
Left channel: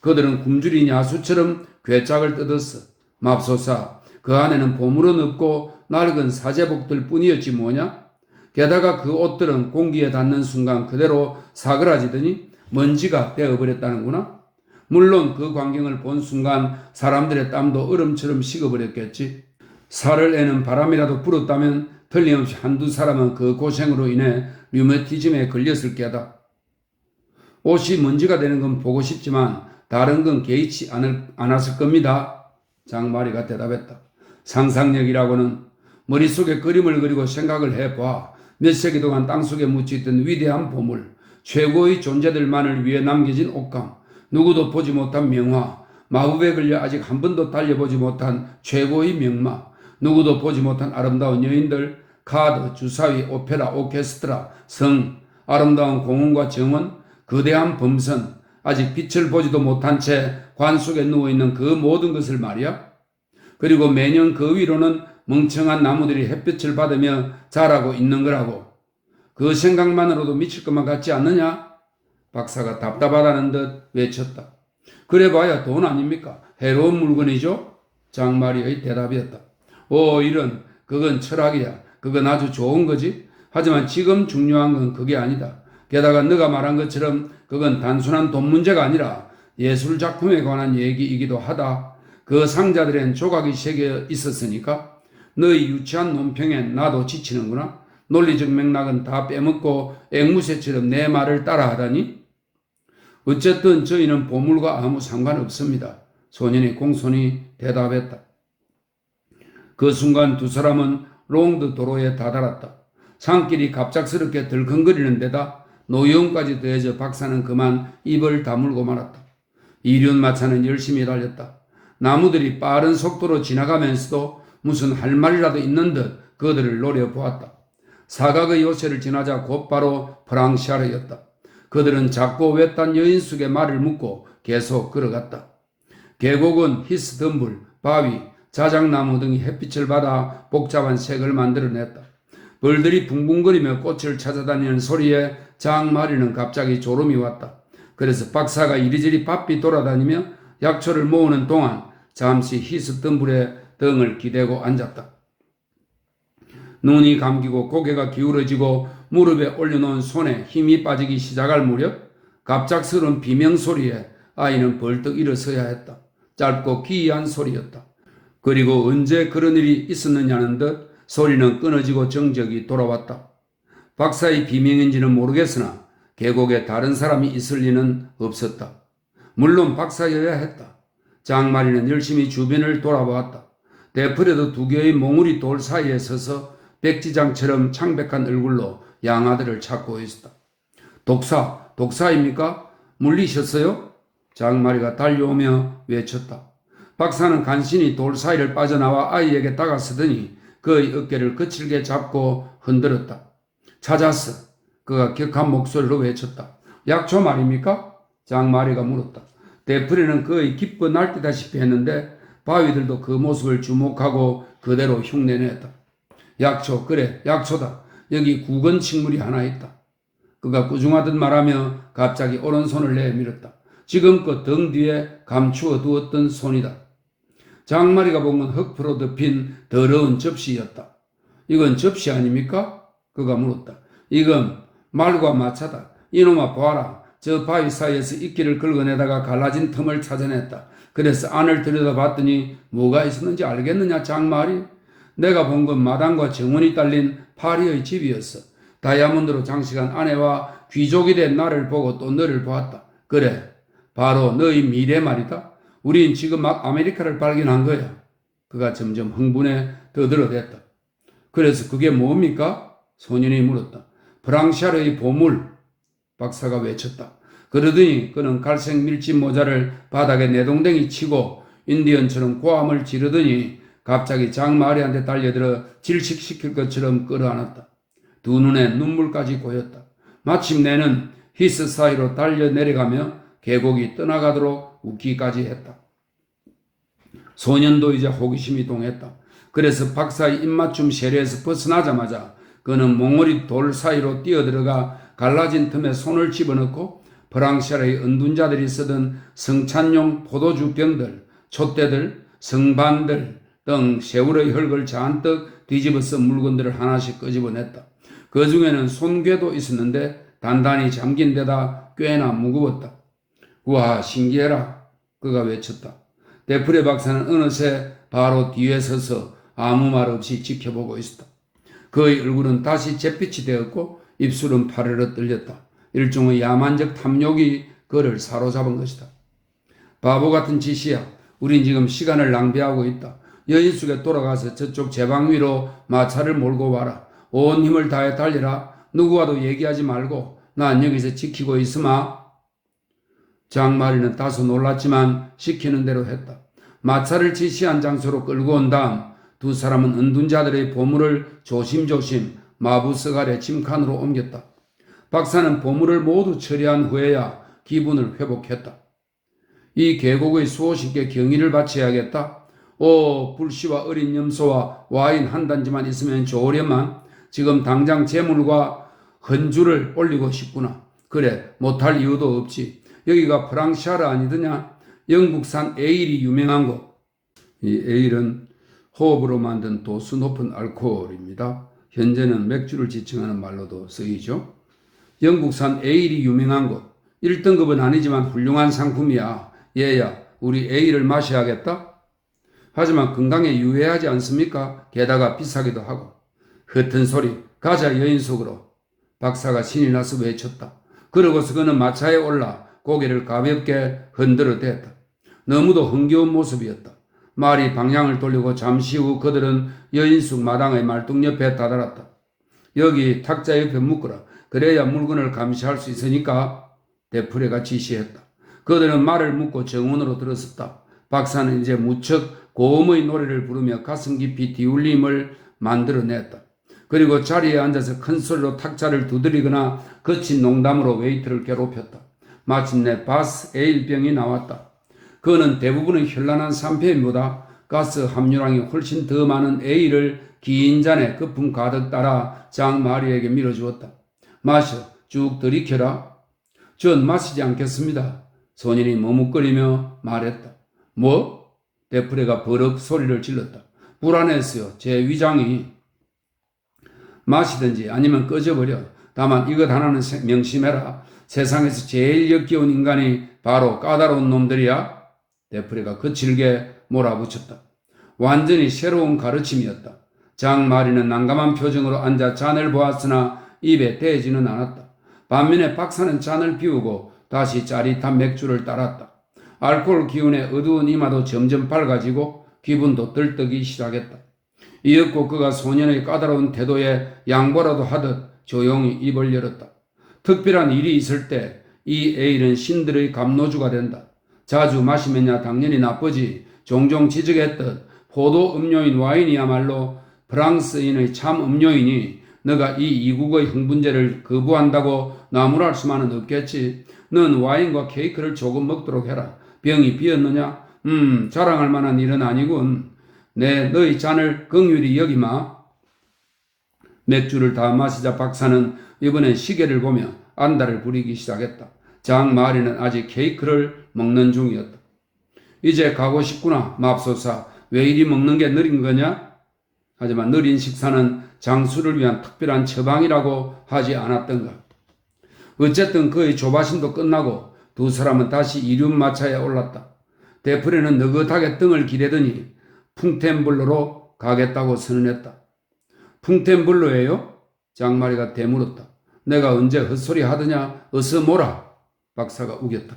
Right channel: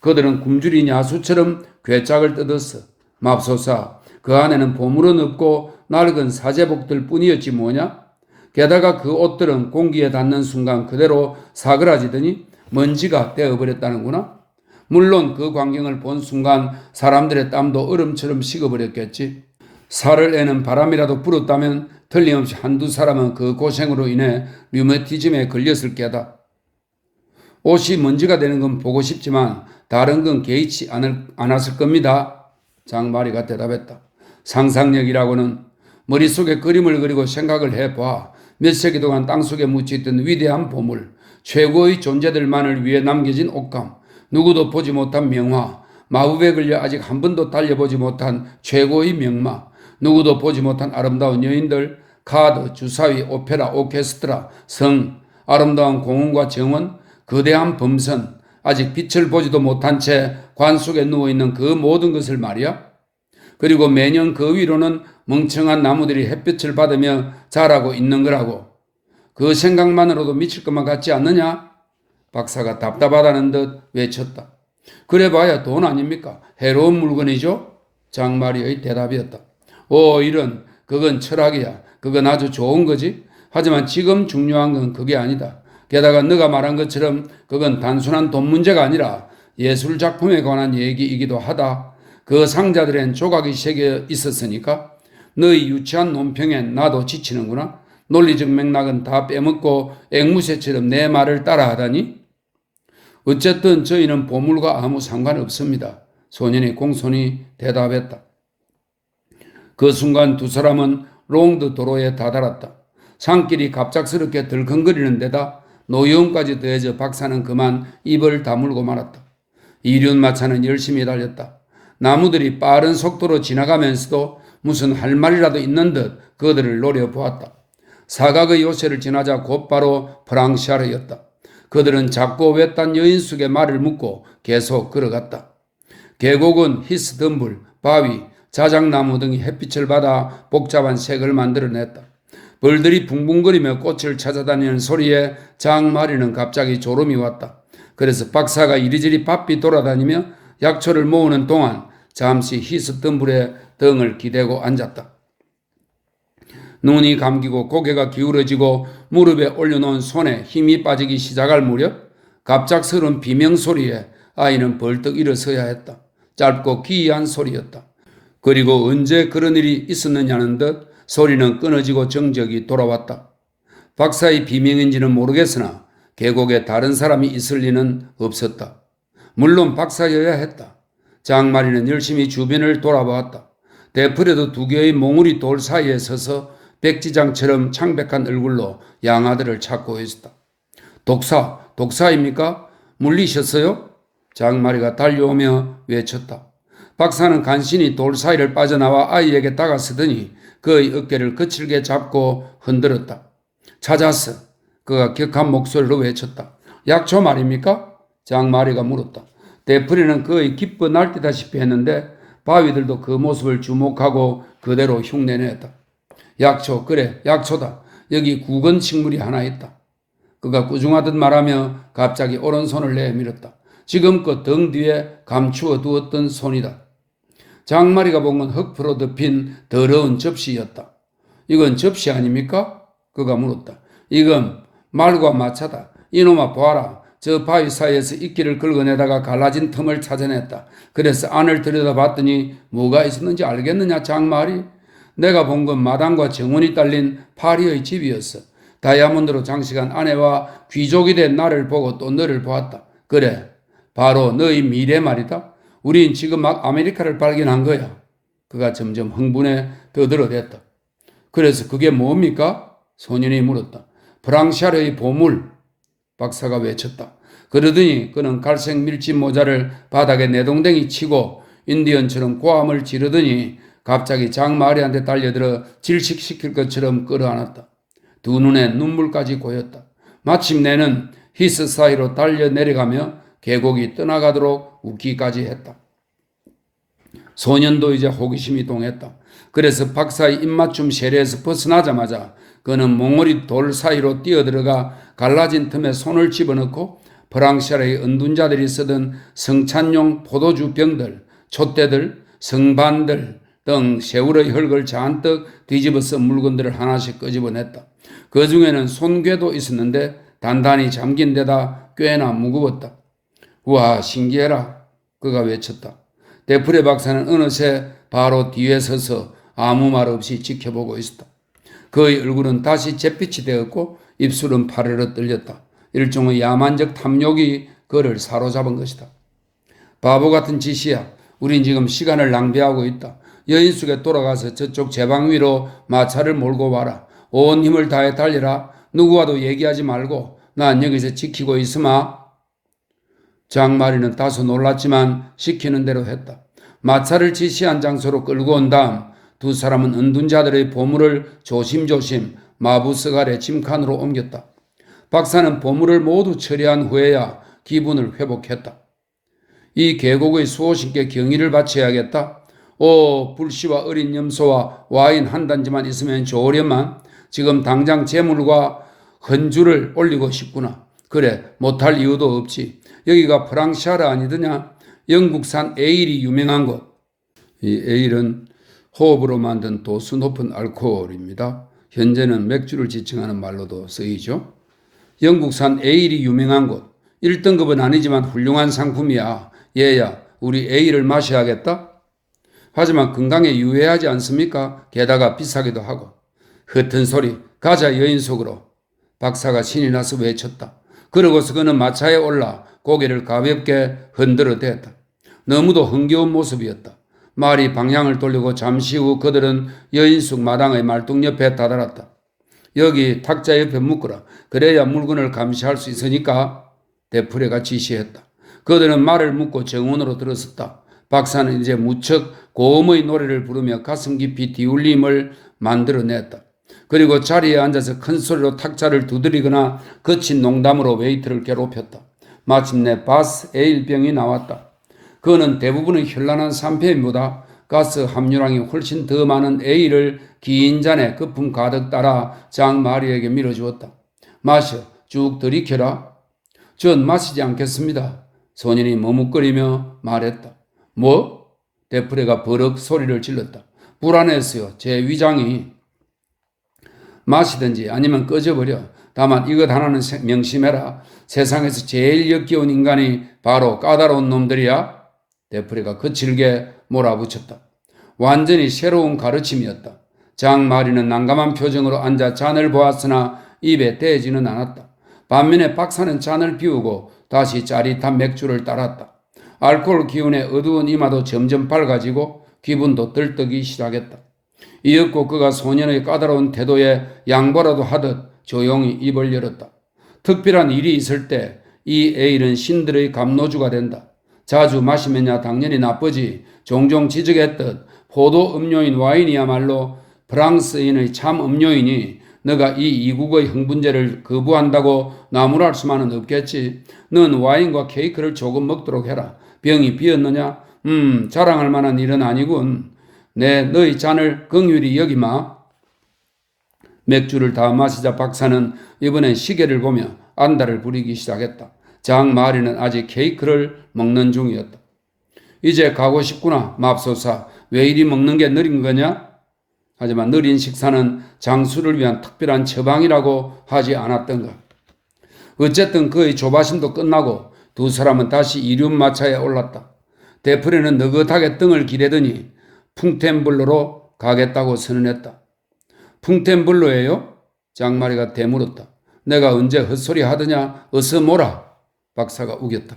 그들은 굶주린 야수처럼 괴짝을 뜯었어. 맙소사, 그 안에는 보물은 없고 낡은 사제복들 뿐이었지 뭐냐. 게다가 그 옷들은 공기에 닿는 순간 그대로 사그라지더니 먼지가 되어버렸다는구나. 물론 그 광경을 본 순간 사람들의 땀도 얼음처럼 식어버렸겠지. 살을 애는 바람이라도 불었다면 틀림없이 한두 사람은 그 고생으로 인해 류머티즘에 걸렸을 게다. 옷이 먼지가 되는 건 보고 싶지만 다른 건 개의치 않았을 겁니다. 장마리가 대답했다. 상상력이라고는 머릿속에 그림을 그리고 생각을 해봐. 몇 세기 동안 땅속에 묻혀있던 위대한 보물, 최고의 존재들만을 위해 남겨진 옷감, 누구도 보지 못한 명화, 마법에 걸려 아직 한 번도 달려보지 못한 최고의 명마, 누구도 보지 못한 아름다운 여인들, 카드, 주사위, 오페라, 오케스트라, 성, 아름다운 공원과 정원, 거대한 범선, 아직 빛을 보지도 못한 채 관 속에 누워있는 그 모든 것을 말이야. 그리고 매년 그 위로는 멍청한 나무들이 햇빛을 받으며 자라고 있는 거라고. 그 생각만으로도 미칠 것만 같지 않느냐? 박사가 답답하다는 듯 외쳤다. 그래봐야 돈 아닙니까? 해로운 물건이죠? 장마리의 대답이었다. 이런, 그건 철학이야. 그건 아주 좋은 거지. 하지만 지금 중요한 건 그게 아니다. 게다가 너가 말한 것처럼 그건 단순한 돈 문제가 아니라 예술 작품에 관한 얘기이기도 하다. 그 상자들엔 조각이 새겨 있었으니까. 너희 유치한 논평엔 나도 지치는구나. 논리적 맥락은 다 빼먹고 앵무새처럼 내 말을 따라하다니. 어쨌든 저희는 보물과 아무 상관없습니다. 소년이 공손히 대답했다. 그 순간 두 사람은 롱드 도로에 다다랐다. 산길이 갑작스럽게 덜컹거리는 데다 노여움까지 더해져 박사는 그만 입을 다물고 말았다. 이륜마차는 열심히 달렸다. 나무들이 빠른 속도로 지나가면서도 무슨 할 말이라도 있는 듯 그들을 노려보았다. 사각의 요새를 지나자 곧바로 프랑시아르였다. 그들은 작고 외딴 여인 속의 말을 묻고 계속 걸어갔다. 계곡은 히스덤불, 바위, 자작나무 등이 햇빛을 받아 복잡한 색을 만들어냈다. 벌들이 붕붕거리며 꽃을 찾아다니는 소리에 장마리는 갑자기 졸음이 왔다. 그래서 박사가 이리저리 바삐 돌아다니며 약초를 모으는 동안 잠시 히스덤불에 등을 기대고 앉았다. 눈이 감기고 고개가 기울어지고 무릎에 올려놓은 손에 힘이 빠지기 시작할 무렵 갑작스러운 비명소리에 아이는 벌떡 일어서야 했다. 짧고 기이한 소리였다. 그리고 언제 그런 일이 있었느냐는 듯 소리는 끊어지고 정적이 돌아왔다. 박사의 비명인지는 모르겠으나 계곡에 다른 사람이 있을 리는 없었다. 물론 박사여야 했다. 장마리는 열심히 주변을 돌아보았다. 데프레도 두 개의 몽우리 돌 사이에 서서 백지장처럼 창백한 얼굴로 양아들을 찾고 있었다. 독사입니까? 물리셨어요? 장마리가 달려오며 외쳤다. 박사는 간신히 돌 사이를 빠져나와 아이에게 다가서더니 그의 어깨를 거칠게 잡고 흔들었다. 찾았어. 그가 격한 목소리로 외쳤다. 약초 말입니까? 장마리가 물었다. 데프리는 그의 기뻐 날뛰다시피 했는데 바위들도 그 모습을 주목하고 그대로 흉내냈다. 약초, 그래, 약초다. 여기 구건 식물이 하나 있다. 그가 꾸중하듯 말하며 갑자기 오른손을 내밀었다. 지금껏 등 뒤에 감추어 두었던 손이다. 장마리가 본 건 흙으로 덮인 더러운 접시였다. 이건 접시 아닙니까? 그가 물었다. 이건 말과 마차다. 이놈아 보아라. 저 바위 사이에서 이끼를 긁어내다가 갈라진 틈을 찾아냈다. 그래서 안을 들여다봤더니 뭐가 있었는지 알겠느냐 장마리? 내가 본 건 마당과 정원이 딸린 파리의 집이었어. 다이아몬드로 장식한 아내와 귀족이 된 나를 보고 또 너를 보았다. 그래, 바로 너의 미래 말이다. 우린 지금 막 아메리카를 발견한 거야. 그가 점점 흥분에 떠들어댔다. 그래서 그게 뭡니까? 소년이 물었다. 프랑시아르의 보물. 박사가 외쳤다. 그러더니 그는 갈색 밀짚 모자를 바닥에 내동댕이 치고 인디언처럼 고함을 지르더니 갑자기 장마리한테 달려들어 질식시킬 것처럼 끌어안았다. 두 눈에 눈물까지 고였다. 마침내는 히스 사이로 달려 내려가며 계곡이 떠나가도록 웃기까지 했다. 소년도 이제 호기심이 동했다. 그래서 박사의 입맞춤 세례에서 벗어나자마자 그는 몽골이 돌 사이로 뛰어들어가 갈라진 틈에 손을 집어넣고 프랑시아의 은둔자들이 쓰던 성찬용 포도주 병들, 촛대들, 성반들 등 세월의 흙을 잔뜩 뒤집어 쓴 물건들을 하나씩 끄집어냈다. 그 중에는 손괴도 있었는데 단단히 잠긴 데다 꽤나 무거웠다. 우와 신기해라. 그가 외쳤다. 데프레 박사는 어느새 바로 뒤에 서서 아무 말 없이 지켜보고 있었다. 그의 얼굴은 다시 잿빛이 되었고 입술은 파르르 떨렸다. 일종의 야만적 탐욕이 그를 사로잡은 것이다. 바보 같은 짓이야. 우린 지금 시간을 낭비하고 있다. 여인숙에 돌아가서 저쪽 제방 위로 마차를 몰고 와라. 온 힘을 다해 달리라. 누구와도 얘기하지 말고 난 여기서 지키고 있으마. 장마리는 다소 놀랐지만 시키는 대로 했다. 마차를 지시한 장소로 끌고 온 다음 두 사람은 은둔자들의 보물을 조심조심 마부스갈의 짐칸으로 옮겼다. 박사는 보물을 모두 처리한 후에야 기분을 회복했다. 이 계곡의 수호신께 경의를 바쳐야겠다. 불씨와 어린 염소와 와인 한 단지만 있으면 좋으련만 지금 당장 재물과 헌주를 올리고 싶구나. 그래, 못할 이유도 없지. 여기가 프랑시아르 아니더냐? 영국산 에일이 유명한 곳. 이 에일은 호흡으로 만든 도수 높은 알코올입니다. 현재는 맥주를 지칭하는 말로도 쓰이죠. 영국산 에일이 유명한 곳. 1등급은 아니지만 훌륭한 상품이야. 얘야, 우리 에일을 마셔야겠다? 하지만 건강에 유해하지 않습니까? 게다가 비싸기도 하고. 흩은 소리, 가자 여인 속으로. 박사가 신이 나서 외쳤다. 그러고서 그는 마차에 올라 고개를 가볍게 흔들어 댔다. 너무도 흥겨운 모습이었다. 말이 방향을 돌리고 잠시 후 그들은 여인숙 마당의 말뚝 옆에 다다랐다. 여기 탁자 옆에 묶어라. 그래야 물건을 감시할 수 있으니까 데프레가 지시했다. 그들은 말을 묶고 정원으로 들어섰다. 박사는 이제 무척 고음의 노래를 부르며 가슴 깊이 뒤울림을 만들어냈다. 그리고 자리에 앉아서 큰 소리로 탁자를 두드리거나 거친 농담으로 웨이트를 괴롭혔다. 마침내 바스 에일병이 나왔다. 그는 대부분의 현란한 샴페인보다 가스 함유량이 훨씬 더 많은 에일을 긴 잔에 거품 가득 따라 장마리에게 밀어주었다. 마셔, 쭉 들이켜라. 전 마시지 않겠습니다. 소년이 머뭇거리며 말했다. 뭐? 데프레가 버럭 소리를 질렀다. 불안했어요. 제 위장이. 마시든지 아니면 꺼져버려. 다만 이것 하나는 명심해라. 세상에서 제일 역겨운 인간이 바로 까다로운 놈들이야. 데프레가 거칠게 몰아붙였다. 완전히 새로운 가르침이었다. 장마리는 난감한 표정으로 앉아 잔을 보았으나 입에 대지는 않았다. 반면에 박사는 잔을 비우고 다시 짜릿한 맥주를 따랐다. 알코올 기운에 어두운 이마도 점점 밝아지고 기분도 들뜨기 시작했다. 이윽고 그가 소년의 까다로운 태도에 양보라도 하듯 조용히 입을 열었다. 특별한 일이 있을 때 이 에일은 신들의 감로주가 된다. 자주 마시면야 당연히 나쁘지. 종종 지적했듯 포도 음료인 와인이야말로 프랑스인의 참 음료이니 너가 이 이국의 흥분제를 거부한다고 나무랄 수만은 없겠지. 넌 와인과 케이크를 조금 먹도록 해라. 병이 비었느냐? 자랑할 만한 일은 아니군. 너희 잔을 긍휼히 여기마. 맥주를 다 마시자 박사는 이번엔 시계를 보며 안달을 부리기 시작했다. 장마리는 아직 케이크를 먹는 중이었다. 이제 가고 싶구나. 맙소사. 왜 이리 먹는 게 느린 거냐? 하지만 느린 식사는 장수를 위한 특별한 처방이라고 하지 않았던가. 어쨌든 그의 조바심도 끝나고 두 사람은 다시 이륜마차에 올랐다. 데프레는 느긋하게 등을 기대더니 풍텐블로로 가겠다고 선언했다. 풍텐블로예요? 장마리가 되물었다. 내가 언제 헛소리 하더냐? 어서 모라. 박사가 우겼다.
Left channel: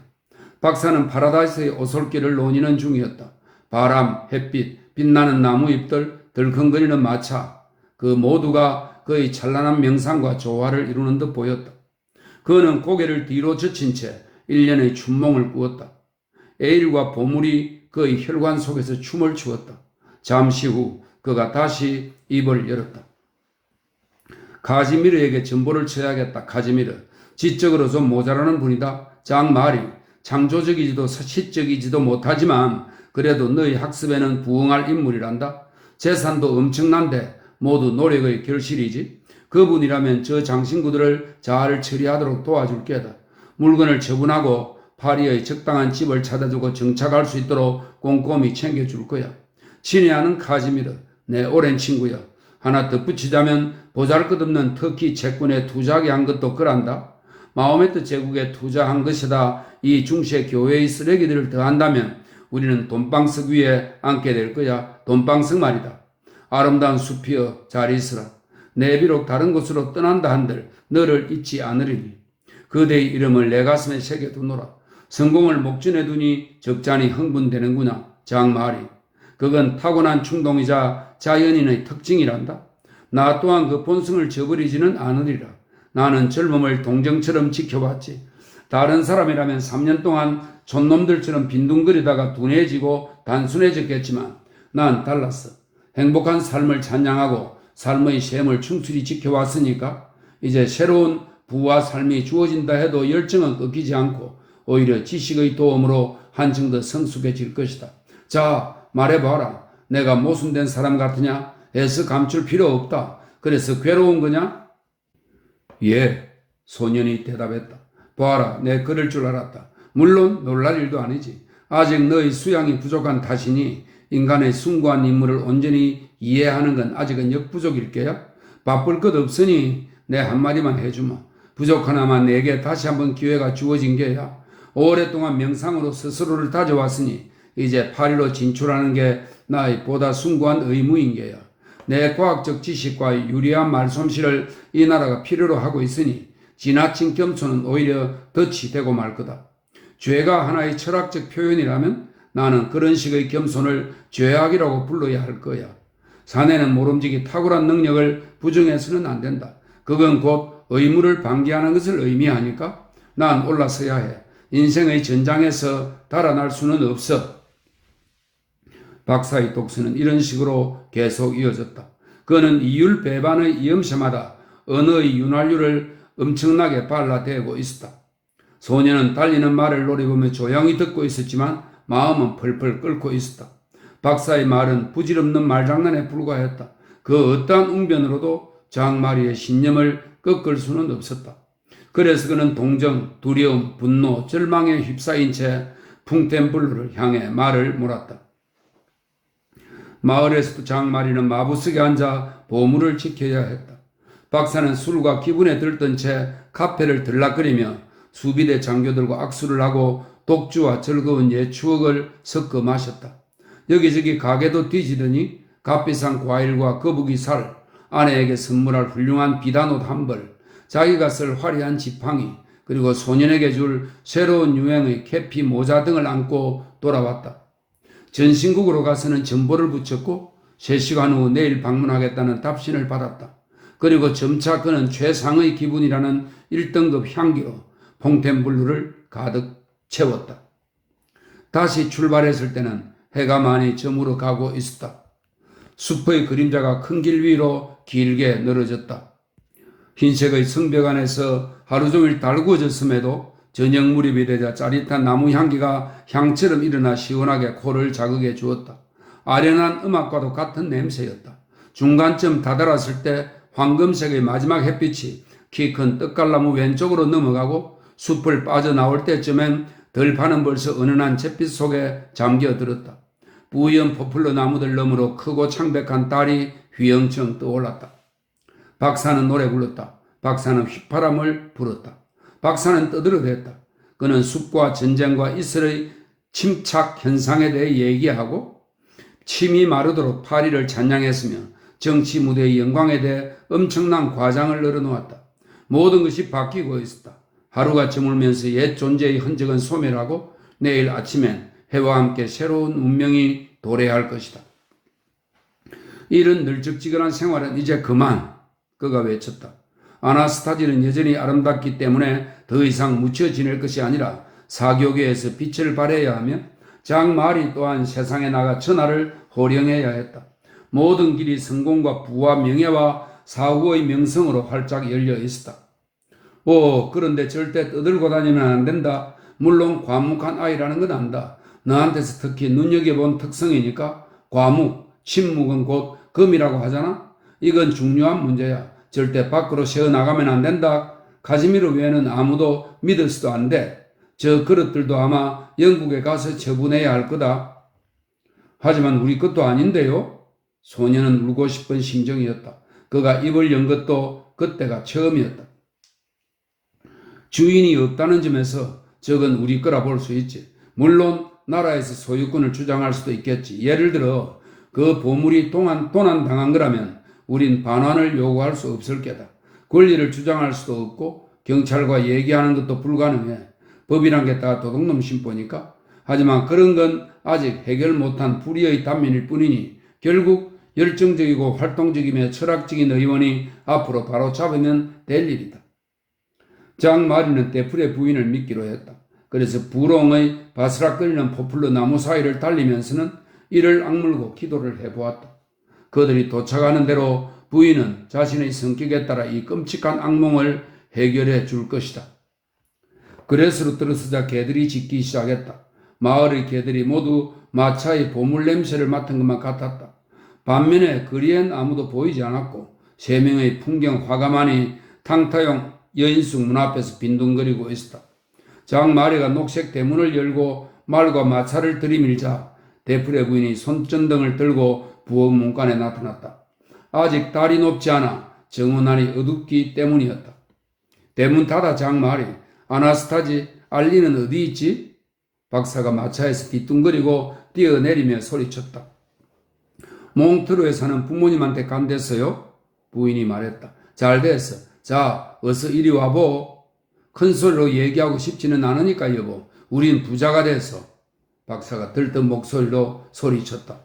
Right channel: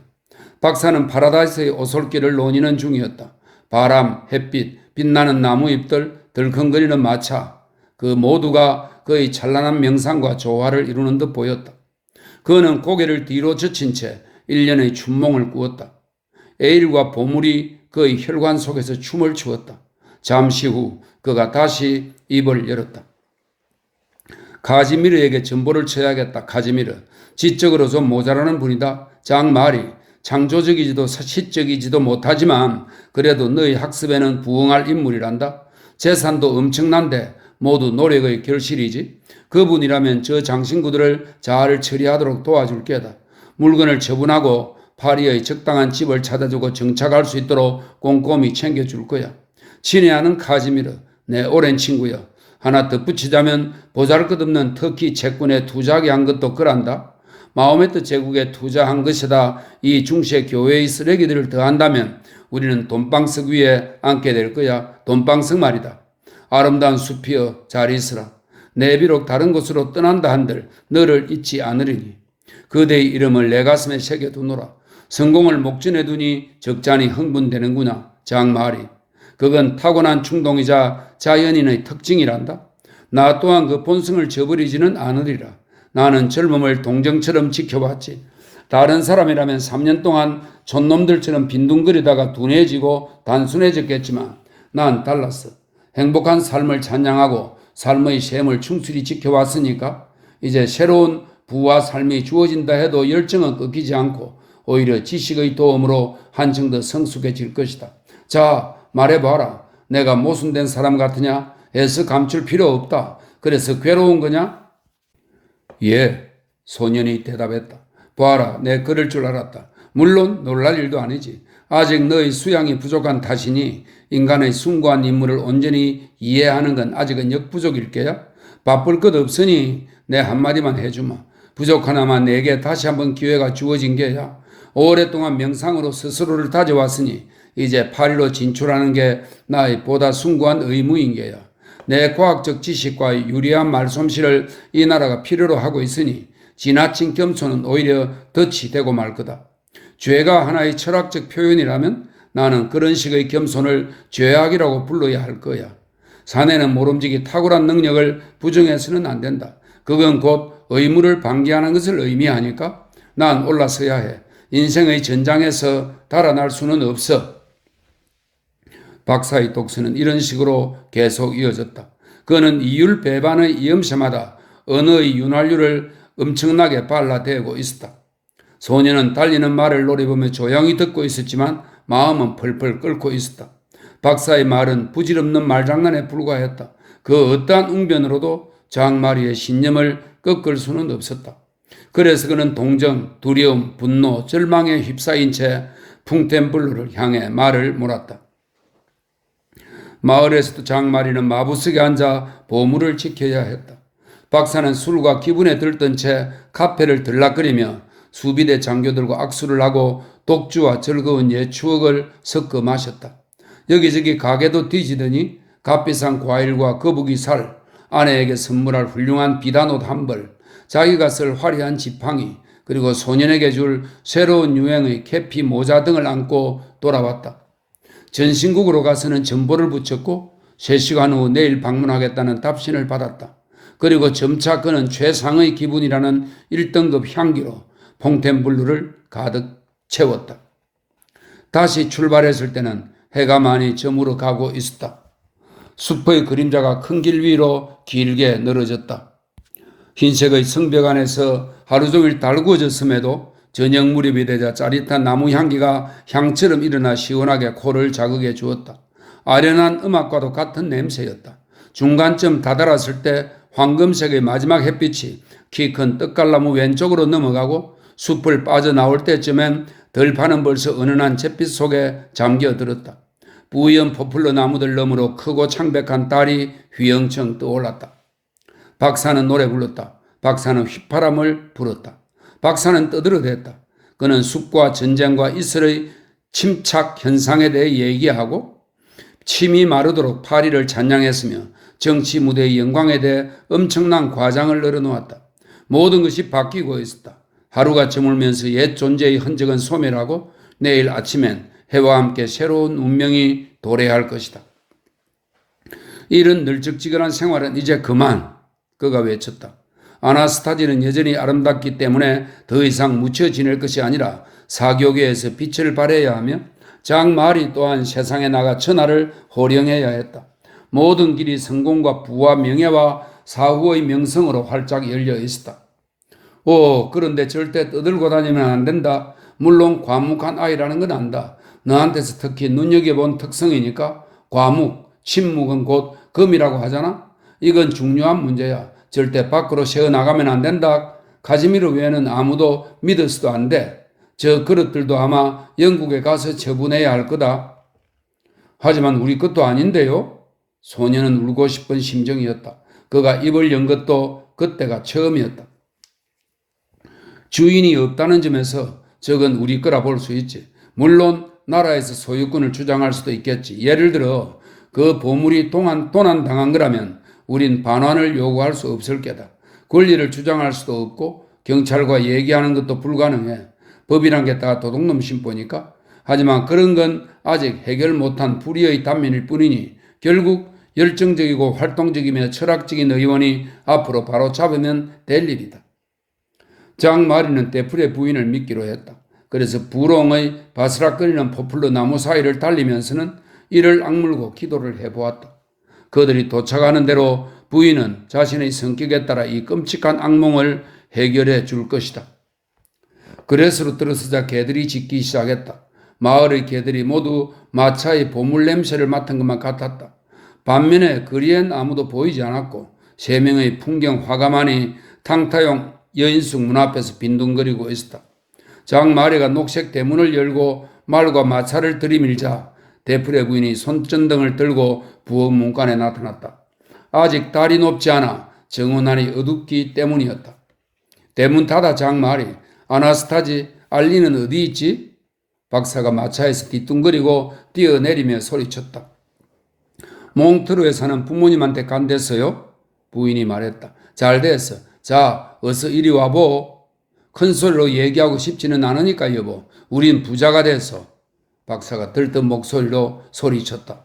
박사는 파라다이스의 오솔길을 논의는 중이었다. 바람, 햇빛, 빛나는 나무 잎들, 덜컹거리는 마차, 그 모두가 그의 찬란한 명상과 조화를 이루는 듯 보였다. 그는 고개를 뒤로 젖힌 채 1년의 춘몽을 꾸었다. 에일과 보물이 그의 혈관 속에서 춤을 추었다. 잠시 후 그가 다시 입을 열었다. 카지미르에게 전보를 쳐야겠다. 카지미르. 지적으로 좀 모자라는 분이다. 장마리. 창조적이지도 시적이지도 못하지만 그래도 너희 학습에는 부응할 인물이란다. 재산도 엄청난데 모두 노력의 결실이지. 그분이라면 저 장신구들을 잘 처리하도록 도와줄 게다. 물건을 처분하고 파리의 적당한 집을 찾아주고 정착할 수 있도록 꼼꼼히 챙겨줄 거야. 친애하는 카지미르, 내 오랜 친구야. 하나 덧붙이자면 보잘것없는 터키 채권에 투자하게 한 것도 그란다. 마호메트 제국에 투자한 것이다. 이 중세 교회의 쓰레기들을 더한다면 우리는 돈방석 위에 앉게 될 거야. 돈방석 말이다. 아름다운 숲이여 잘 있으라. 내 비록 다른 곳으로 떠난다 한들 너를 잊지 않으리니. 그대의 이름을 내 가슴에 새겨두노라. 성공을 목전에 두니 적잖이 흥분되는구나. 장마리. 그건 타고난 충동이자 자연인의 특징이란다. 나 또한 그 본성을 저버리지는 않으리라. 나는 젊음을 동정처럼 지켜봤지. 다른 사람이라면 3년 동안 촌놈들처럼 빈둥거리다가 둔해지고 단순해졌겠지만 난 달랐어. 행복한 삶을 찬양하고 삶의 셈을 충실히 지켜왔으니까 이제 새로운 부와 삶이 주어진다 해도 열정은 꺾이지 않고 오히려 지식의 도움으로 한층 더 성숙해질 것이다. 자, 말해봐라. 내가 모순된 사람 같으냐? 애써 감출 필요 없다. 그래서 괴로운 거냐? 예, 소년이 대답했다. 봐라, 내 그럴 줄 알았다. 물론 놀랄 일도 아니지. 아직 너의 수양이 부족한 탓이니 인간의 숭고한 인물을 온전히 이해하는 건 아직은 역부족일 게야. 바쁠 것 없으니 내 한마디만 해주마. 부족하나마 내게 다시 한번 기회가 주어진 게야. 오랫동안 명상으로 스스로를 다져왔으니 이제 파리로 진출하는 게 나의 보다 숭고한 의무인 게야. 내 과학적 지식과 유리한 말솜씨를 이 나라가 필요로 하고 있으니 지나친 겸손은 오히려 덫이 되고 말 거다. 죄가 하나의 철학적 표현이라면 나는 그런 식의 겸손을 죄악이라고 불러야 할 거야. 사내는 모름지기 탁월한 능력을 부정해서는 안 된다. 그건 곧 의무를 방기하는 것을 의미하니까 난 올라서야 해. 인생의 전장에서 달아날 수는 없어. 박사의 독서는 이런 식으로 계속 이어졌다. 그는 이율 배반의 이음새마다 언어의 윤활유를 엄청나게 발라대고 있었다. 소년은 달리는 말을 노려보며 조용히 듣고 있었지만 마음은 펄펄 끓고 있었다. 박사의 말은 부질없는 말장난에 불과했다. 그 어떠한 웅변으로도 장마리의 신념을 꺾을 수는 없었다. 그래서 그는 동정, 두려움, 분노, 절망에 휩싸인 채 풍텐블루를 향해 말을 몰았다. 마을에서도 장마리는 마부석에 앉아 보물을 지켜야 했다. 박사는 술과 기분에 들뜬 채 카페를 들락거리며 수비대 장교들과 악수를 하고 독주와 즐거운 옛 추억을 섞어 마셨다. 여기저기 가게도 뒤지더니 값비싼 과일과 거북이 살, 아내에게 선물할 훌륭한 비단옷 한 벌, 자기가 쓸 화려한 지팡이, 그리고 소년에게 줄 새로운 유행의 캐피 모자 등을 안고 돌아왔다. 전신국으로 가서는 전보를 붙였고 3시간 후 내일 방문하겠다는 답신을 받았다. 그리고 점차 그는 최상의 기분이라는 1등급 향기로 퐁텐블루를 가득 채웠다. 다시 출발했을 때는 해가 많이 저물어 가고 있었다. 숲의 그림자가 큰 길 위로 길게 늘어졌다. 흰색의 성벽 안에서 하루 종일 달구어졌음에도 저녁 무렵이 되자 짜릿한 나무 향기가 향처럼 일어나 시원하게 코를 자극해 주었다. 아련한 음악과도 같은 냄새였다. 중간쯤 다다랐을 때 황금색의 마지막 햇빛이 키 큰 떡갈나무 왼쪽으로 넘어가고 숲을 빠져나올 때쯤엔 들판은 벌써 은은한 잿빛 속에 잠겨들었다. 뿌연 포플러 나무들 너머로 크고 창백한 달이 휘영청 떠올랐다. 박사는 노래 불렀다. 박사는 휘파람을 불었다. 박사는 떠들어댔다. 그는 숲과 전쟁과 이슬의 침착 현상에 대해 얘기하고 침이 마르도록 파리를 찬양했으며 정치 무대의 영광에 대해 엄청난 과장을 늘어놓았다. 모든 것이 바뀌고 있었다. 하루가 저물면서 옛 존재의 흔적은 소멸하고 내일 아침엔 해와 함께 새로운 운명이 도래할 것이다. 이런 널찍지근한 생활은 이제 그만, 그가 외쳤다. 아나스타지는 여전히 아름답기 때문에 더 이상 묻혀 지낼 것이 아니라 사교계에서 빛을 발해야 하며 장마리 또한 세상에 나가 천하를 호령해야 했다. 모든 길이 성공과 부와 명예와 사후의 명성으로 활짝 열려 있었다. 그런데 절대 떠들고 다니면 안 된다. 물론 과묵한 아이라는 건 안다. 너한테서 특히 눈여겨본 특성이니까 과묵, 침묵은 곧 금이라고 하잖아. 이건 중요한 문제야. 절대 밖으로 새어나가면 안 된다. 카즈미르 외에는 아무도 믿어서도 안 돼. 저 그릇들도 아마 영국에 가서 처분해야 할 거다. 하지만 우리 것도 아닌데요. 소녀는 울고 싶은 심정이었다. 그가 입을 연 것도 그때가 처음이었다. 주인이 없다는 점에서 저건 우리 거라 볼 수 있지. 물론 나라에서 소유권을 주장할 수도 있겠지. 예를 들어 그 보물이 도난당한 거라면 우린 반환을 요구할 수 없을 게다. 권리를 주장할 수도 없고 경찰과 얘기하는 것도 불가능해. 법이란 게 다 도둑놈 심보니까. 하지만 그런 건 아직 해결 못한 불의의 단면일 뿐이니 결국 열정적이고 활동적이며 철학적인 의원이 앞으로 바로 잡으면 될 일이다. 장마리는 데프레 부인을 믿기로 했다. 그래서 부롱의 바스락거리는 포플러 나무 사이를 달리면서는 이를 악물고 기도를 해보았다. 그들이 도착하는 대로 부인은 자신의 성격에 따라 이 끔찍한 악몽을 해결해 줄 것이다. 그레스로 들어서자 개들이 짖기 시작했다. 마을의 개들이 모두 마차의 보물 냄새를 맡은 것만 같았다. 반면에 거리엔 아무도 보이지 않았고 3명의 풍경 화가만이 탕타용 여인숙 문 앞에서 빈둥거리고 있었다. 장마리가 녹색 대문을 열고 말과 마차를 들이밀자 데프레 부인이 손전등을 들고 부엌 문간에 나타났다. 아직 달이 높지 않아 정원안이 어둡기 때문이었다. 대문 닫아 장마리, 아나스타지, 알리는 어디 있지? 박사가 마차에서 뒤뚱거리고 뛰어내리며 소리쳤다. 몽트르에 사는 부모님한테 간댔어요? 부인이 말했다. 잘 됐어. 자, 어서 이리 와보. 큰 소리로 얘기하고 싶지는 않으니까 여보. 우린 부자가 됐어. 박사가 들뜬 목소리로 소리쳤다.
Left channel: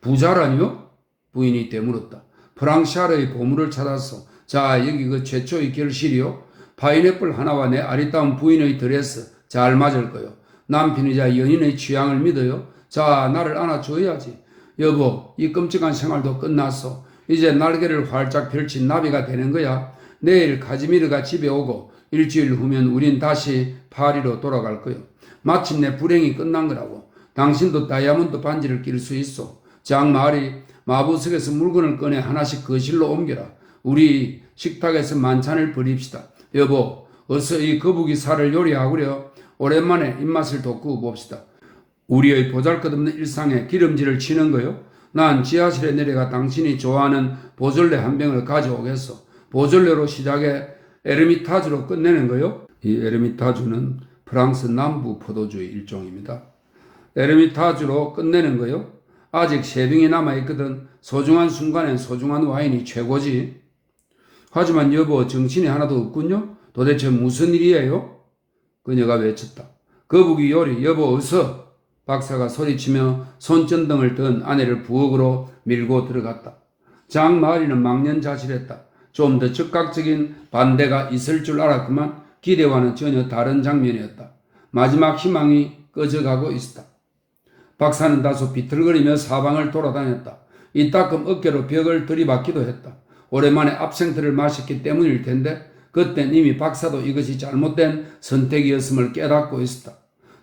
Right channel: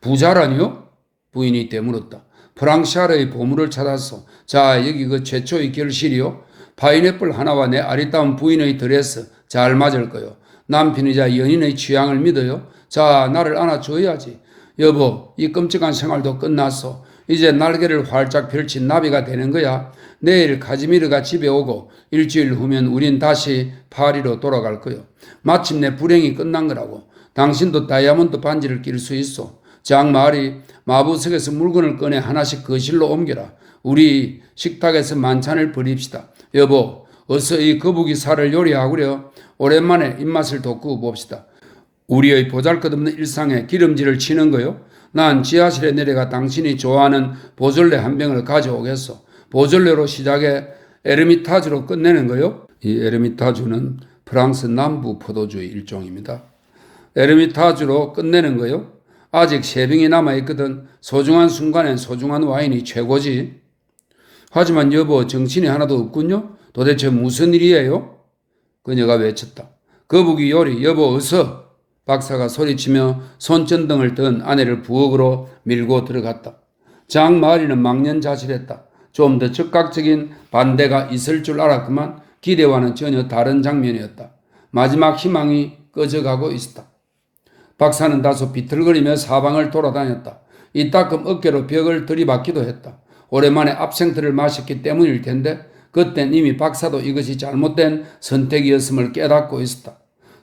부자라니요? 부인이 되물었다. 프랑샤르의 보물을 찾았어. 자, 여기 그 최초의 결실이요. 파인애플 하나와 내 아리따운 부인의 드레스 잘 맞을 거요. 남편이자 연인의 취향을 믿어요. 자, 나를 안아줘야지. 여보, 이 끔찍한 생활도 끝났어. 이제 날개를 활짝 펼친 나비가 되는 거야. 내일 카즈미르가 집에 오고 일주일 후면 우린 다시 파리로 돌아갈 거요. 마침내 불행이 끝난 거라고. 당신도 다이아몬드 반지를 낄 수 있어. 장마리, 마부석에서 물건을 꺼내 하나씩 거실로 옮겨라. 우리 식탁에서 만찬을 벌입시다. 여보, 어서 이 거북이 살을 요리하구려. 오랜만에 입맛을 돋구어 봅시다. 우리의 보잘것없는 일상에 기름질을 치는 거요. 난 지하실에 내려가 당신이 좋아하는 보졸레 한 병을 가져오겠어. 보졸레로 시작해 에르미타주로 끝내는 거요. 이 에르미타주는 프랑스 남부 포도주의 일종입니다. 에르미타주로 끝내는 거요. 아직 3병이 남아있거든. 소중한 순간엔 소중한 와인이 최고지. 하지만 여보, 정신이 하나도 없군요. 도대체 무슨 일이에요? 그녀가 외쳤다. 거북이 요리, 여보 어서. 박사가 소리치며 손전등을 든 아내를 부엌으로 밀고 들어갔다. 장마리는 망연자실했다. 좀 더 즉각적인 반대가 있을 줄 알았구만 기대와는 전혀 다른 장면이었다. 마지막 희망이 꺼져가고 있었다. 박사는 다소 비틀거리며 사방을 돌아다녔다. 이따금 어깨로 벽을 들이받기도 했다. 오랜만에 압생트를 마셨기 때문일 텐데 그땐 이미 박사도 이것이 잘못된 선택이었음을 깨닫고 있었다.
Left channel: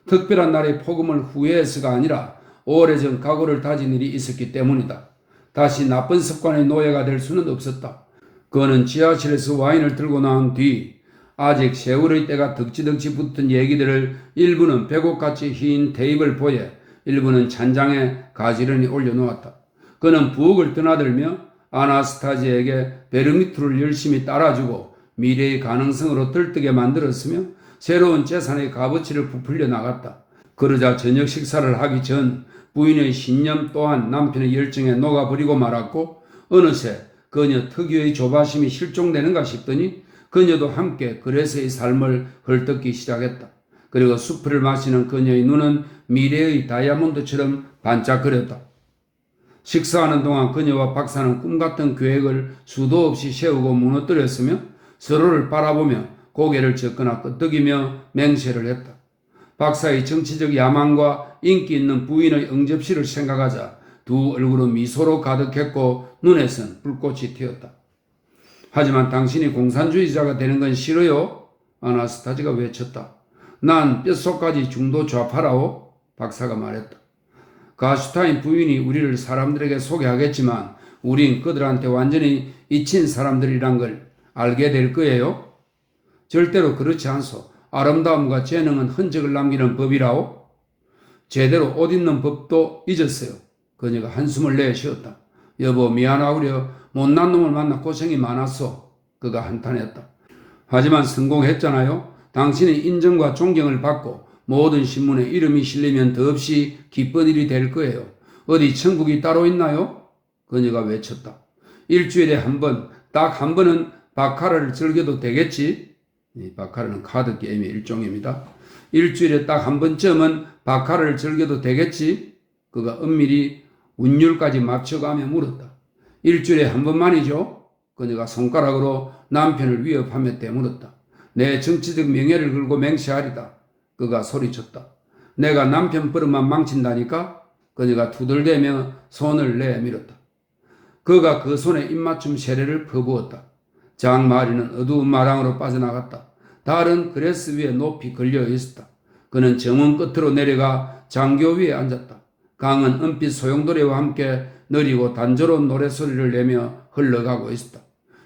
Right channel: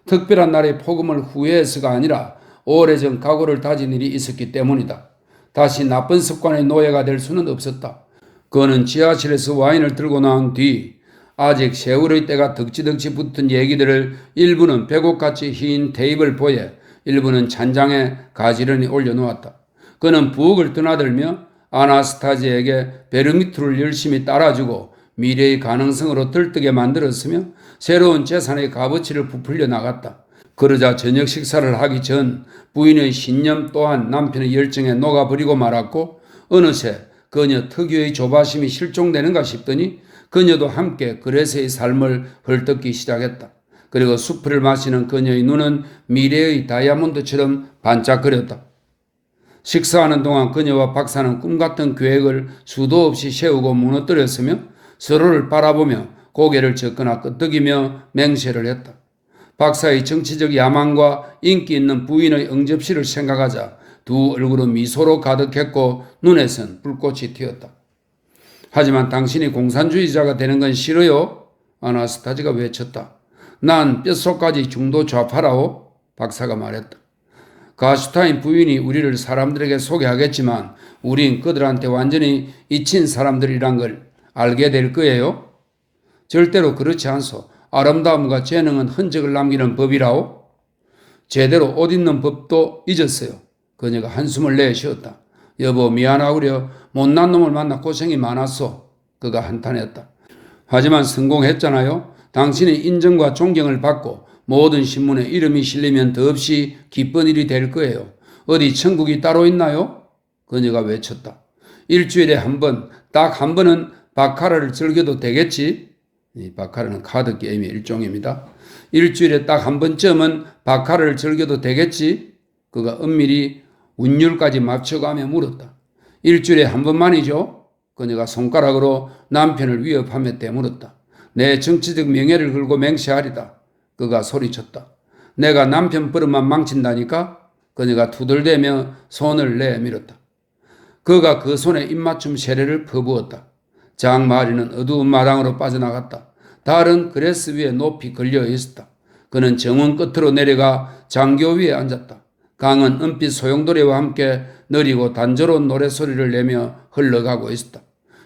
특별한 날의 폭음을 후회해서가 아니라 오래전 각오를 다진 일이 있었기 때문이다. 다시 나쁜 습관의 노예가 될 수는 없었다. 그는 지하실에서 와인을 들고 나온 뒤 아직 세월의 때가 덕지덕지 붙은 얘기들을 일부는 배곡같이 흰 테이블보에 일부는 찬장에 가지런히 올려놓았다. 그는 부엌을 드나들며 아나스타지에게 베르미투를 열심히 따라주고 미래의 가능성으로 들뜨게 만들었으며 새로운 재산의 값어치를 부풀려 나갔다. 그러자 저녁 식사를 하기 전 부인의 신념 또한 남편의 열정에 녹아버리고 말았고 어느새 그녀 특유의 조바심이 실종되는가 싶더니 그녀도 함께 그레스의 삶을 헐뜯기 시작했다. 그리고 수프를 마시는 그녀의 눈은 미래의 다이아몬드처럼 반짝거렸다. 식사하는 동안 그녀와 박사는 꿈같은 계획을 수도 없이 세우고 무너뜨렸으며 서로를 바라보며 고개를 젓거나 끄덕이며 맹세를 했다. 박사의 정치적 야망과 인기 있는 부인의 응접실을 생각하자 두 얼굴은 미소로 가득했고 눈에선 불꽃이 튀었다. 하지만 당신이 공산주의자가 되는 건 싫어요? 아나스타지가 외쳤다. 난 뼛속까지 중도 좌파라오? 박사가 말했다. 가슈타인 부인이 우리를 사람들에게 소개하겠지만 우린 그들한테 완전히 잊힌 사람들이란 걸 알게 될 거예요? 절대로 그렇지 않소. 아름다움과 재능은 흔적을 남기는 법이라오? 제대로 옷 입는 법도 잊었어요. 그녀가 한숨을 내쉬었다. 여보 미안하구려. 못난 놈을 만나 고생이 많았어. 그가 한탄했다. 하지만 성공했잖아요. 당신의 인정과 존경을 받고 모든 신문에 이름이 실리면 더없이 기쁜 일이 될 거예요. 어디 천국이 따로 있나요? 그녀가 외쳤다. 일주일에 한 번, 딱 한 번은 바카라를 즐겨도 되겠지? 이 바카라는 카드 게임의 일종입니다. 일주일에 딱 한 번쯤은 바카라를 즐겨도 되겠지? 그가 은밀히 운율까지 맞춰가며 물었다. 일주일에 한 번만이죠? 그녀가 손가락으로 남편을 위협하며 되물었다. 내 정치적 명예를 걸고 맹세하리다. 그가 소리쳤다. 내가 남편 버릇만 망친다니까? 그녀가 투덜대며 손을 내밀었다. 그가 그 손에 입맞춤 세례를 퍼부었다. 장마리는 어두운 마당으로 빠져나갔다. 달은 그레스 위에 높이 걸려 있었다. 그는 정원 끝으로 내려가 장교 위에 앉았다. 강은 은빛 소용돌이와 함께 느리고 단조로운 노래소리를 내며 흘러가고 있었다.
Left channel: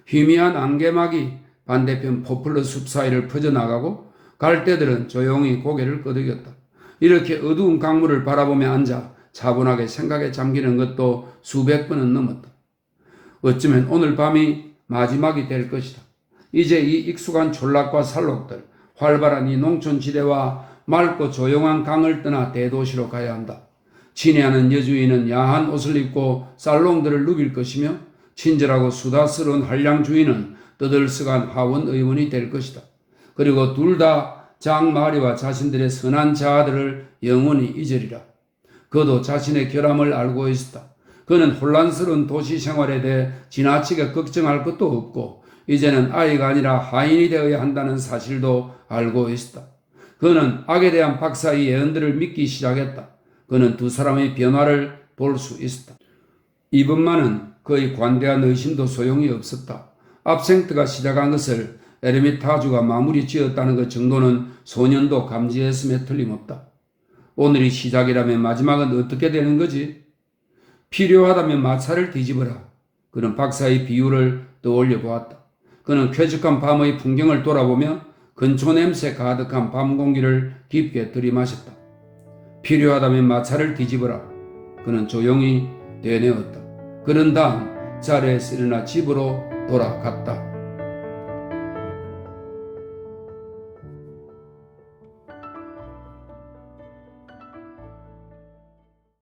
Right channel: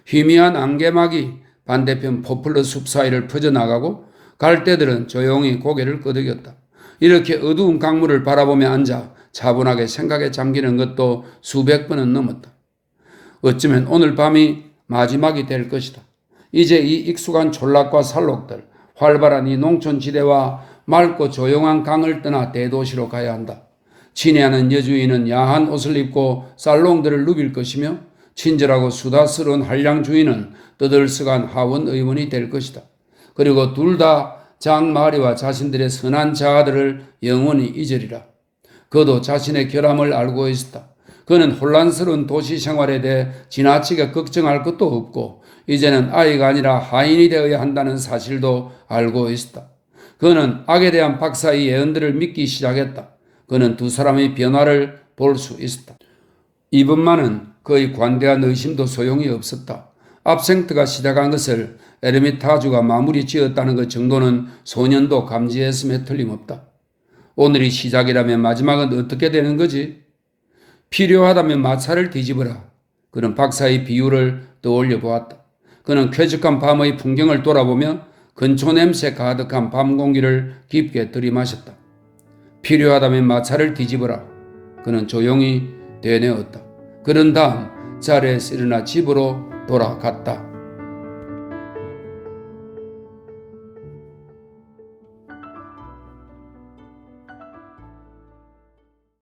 희미한 안개막이 반대편 포플러 숲 사이를 퍼져나가고 갈대들은 조용히 고개를 끄덕였다. 이렇게 어두운 강물을 바라보며 앉아 차분하게 생각에 잠기는 것도 수백 번은 넘었다. 어쩌면 오늘 밤이 마지막이 될 것이다. 이제 이 익숙한 촌락과 산록들, 활발한 이 농촌지대와 맑고 조용한 강을 떠나 대도시로 가야 한다. 친애하는 여주인은 야한 옷을 입고 살롱들을 누빌 것이며 친절하고 수다스러운 한량 주인은 떠들썩한 하원 의원이 될 것이다. 그리고 둘 다 장마리와 자신들의 선한 자아들을 영원히 잊으리라. 그도 자신의 결함을 알고 있었다. 그는 혼란스러운 도시 생활에 대해 지나치게 걱정할 것도 없고 이제는 아이가 아니라 하인이 되어야 한다는 사실도 알고 있었다. 그는 악에 대한 박사의 예언들을 믿기 시작했다. 그는 두 사람의 변화를 볼 수 있었다. 이번만은 그의 관대한 의심도 소용이 없었다. 압생트가 시작한 것을 에르미타주가 마무리 지었다는 것 정도는 소년도 감지했음에 틀림없다. 오늘이 시작이라면 마지막은 어떻게 되는 거지? 필요하다면 마차를 뒤집어라. 그는 박사의 비유를 떠올려 보았다. 그는 쾌적한 밤의 풍경을 돌아보며 건초 냄새 가득한 밤 공기를 깊게 들이마셨다. 필요하다면 마차를 뒤집어라. 그는 조용히 되뇌었다. 그런 다음 자리에서 일어나 집으로 돌아갔다.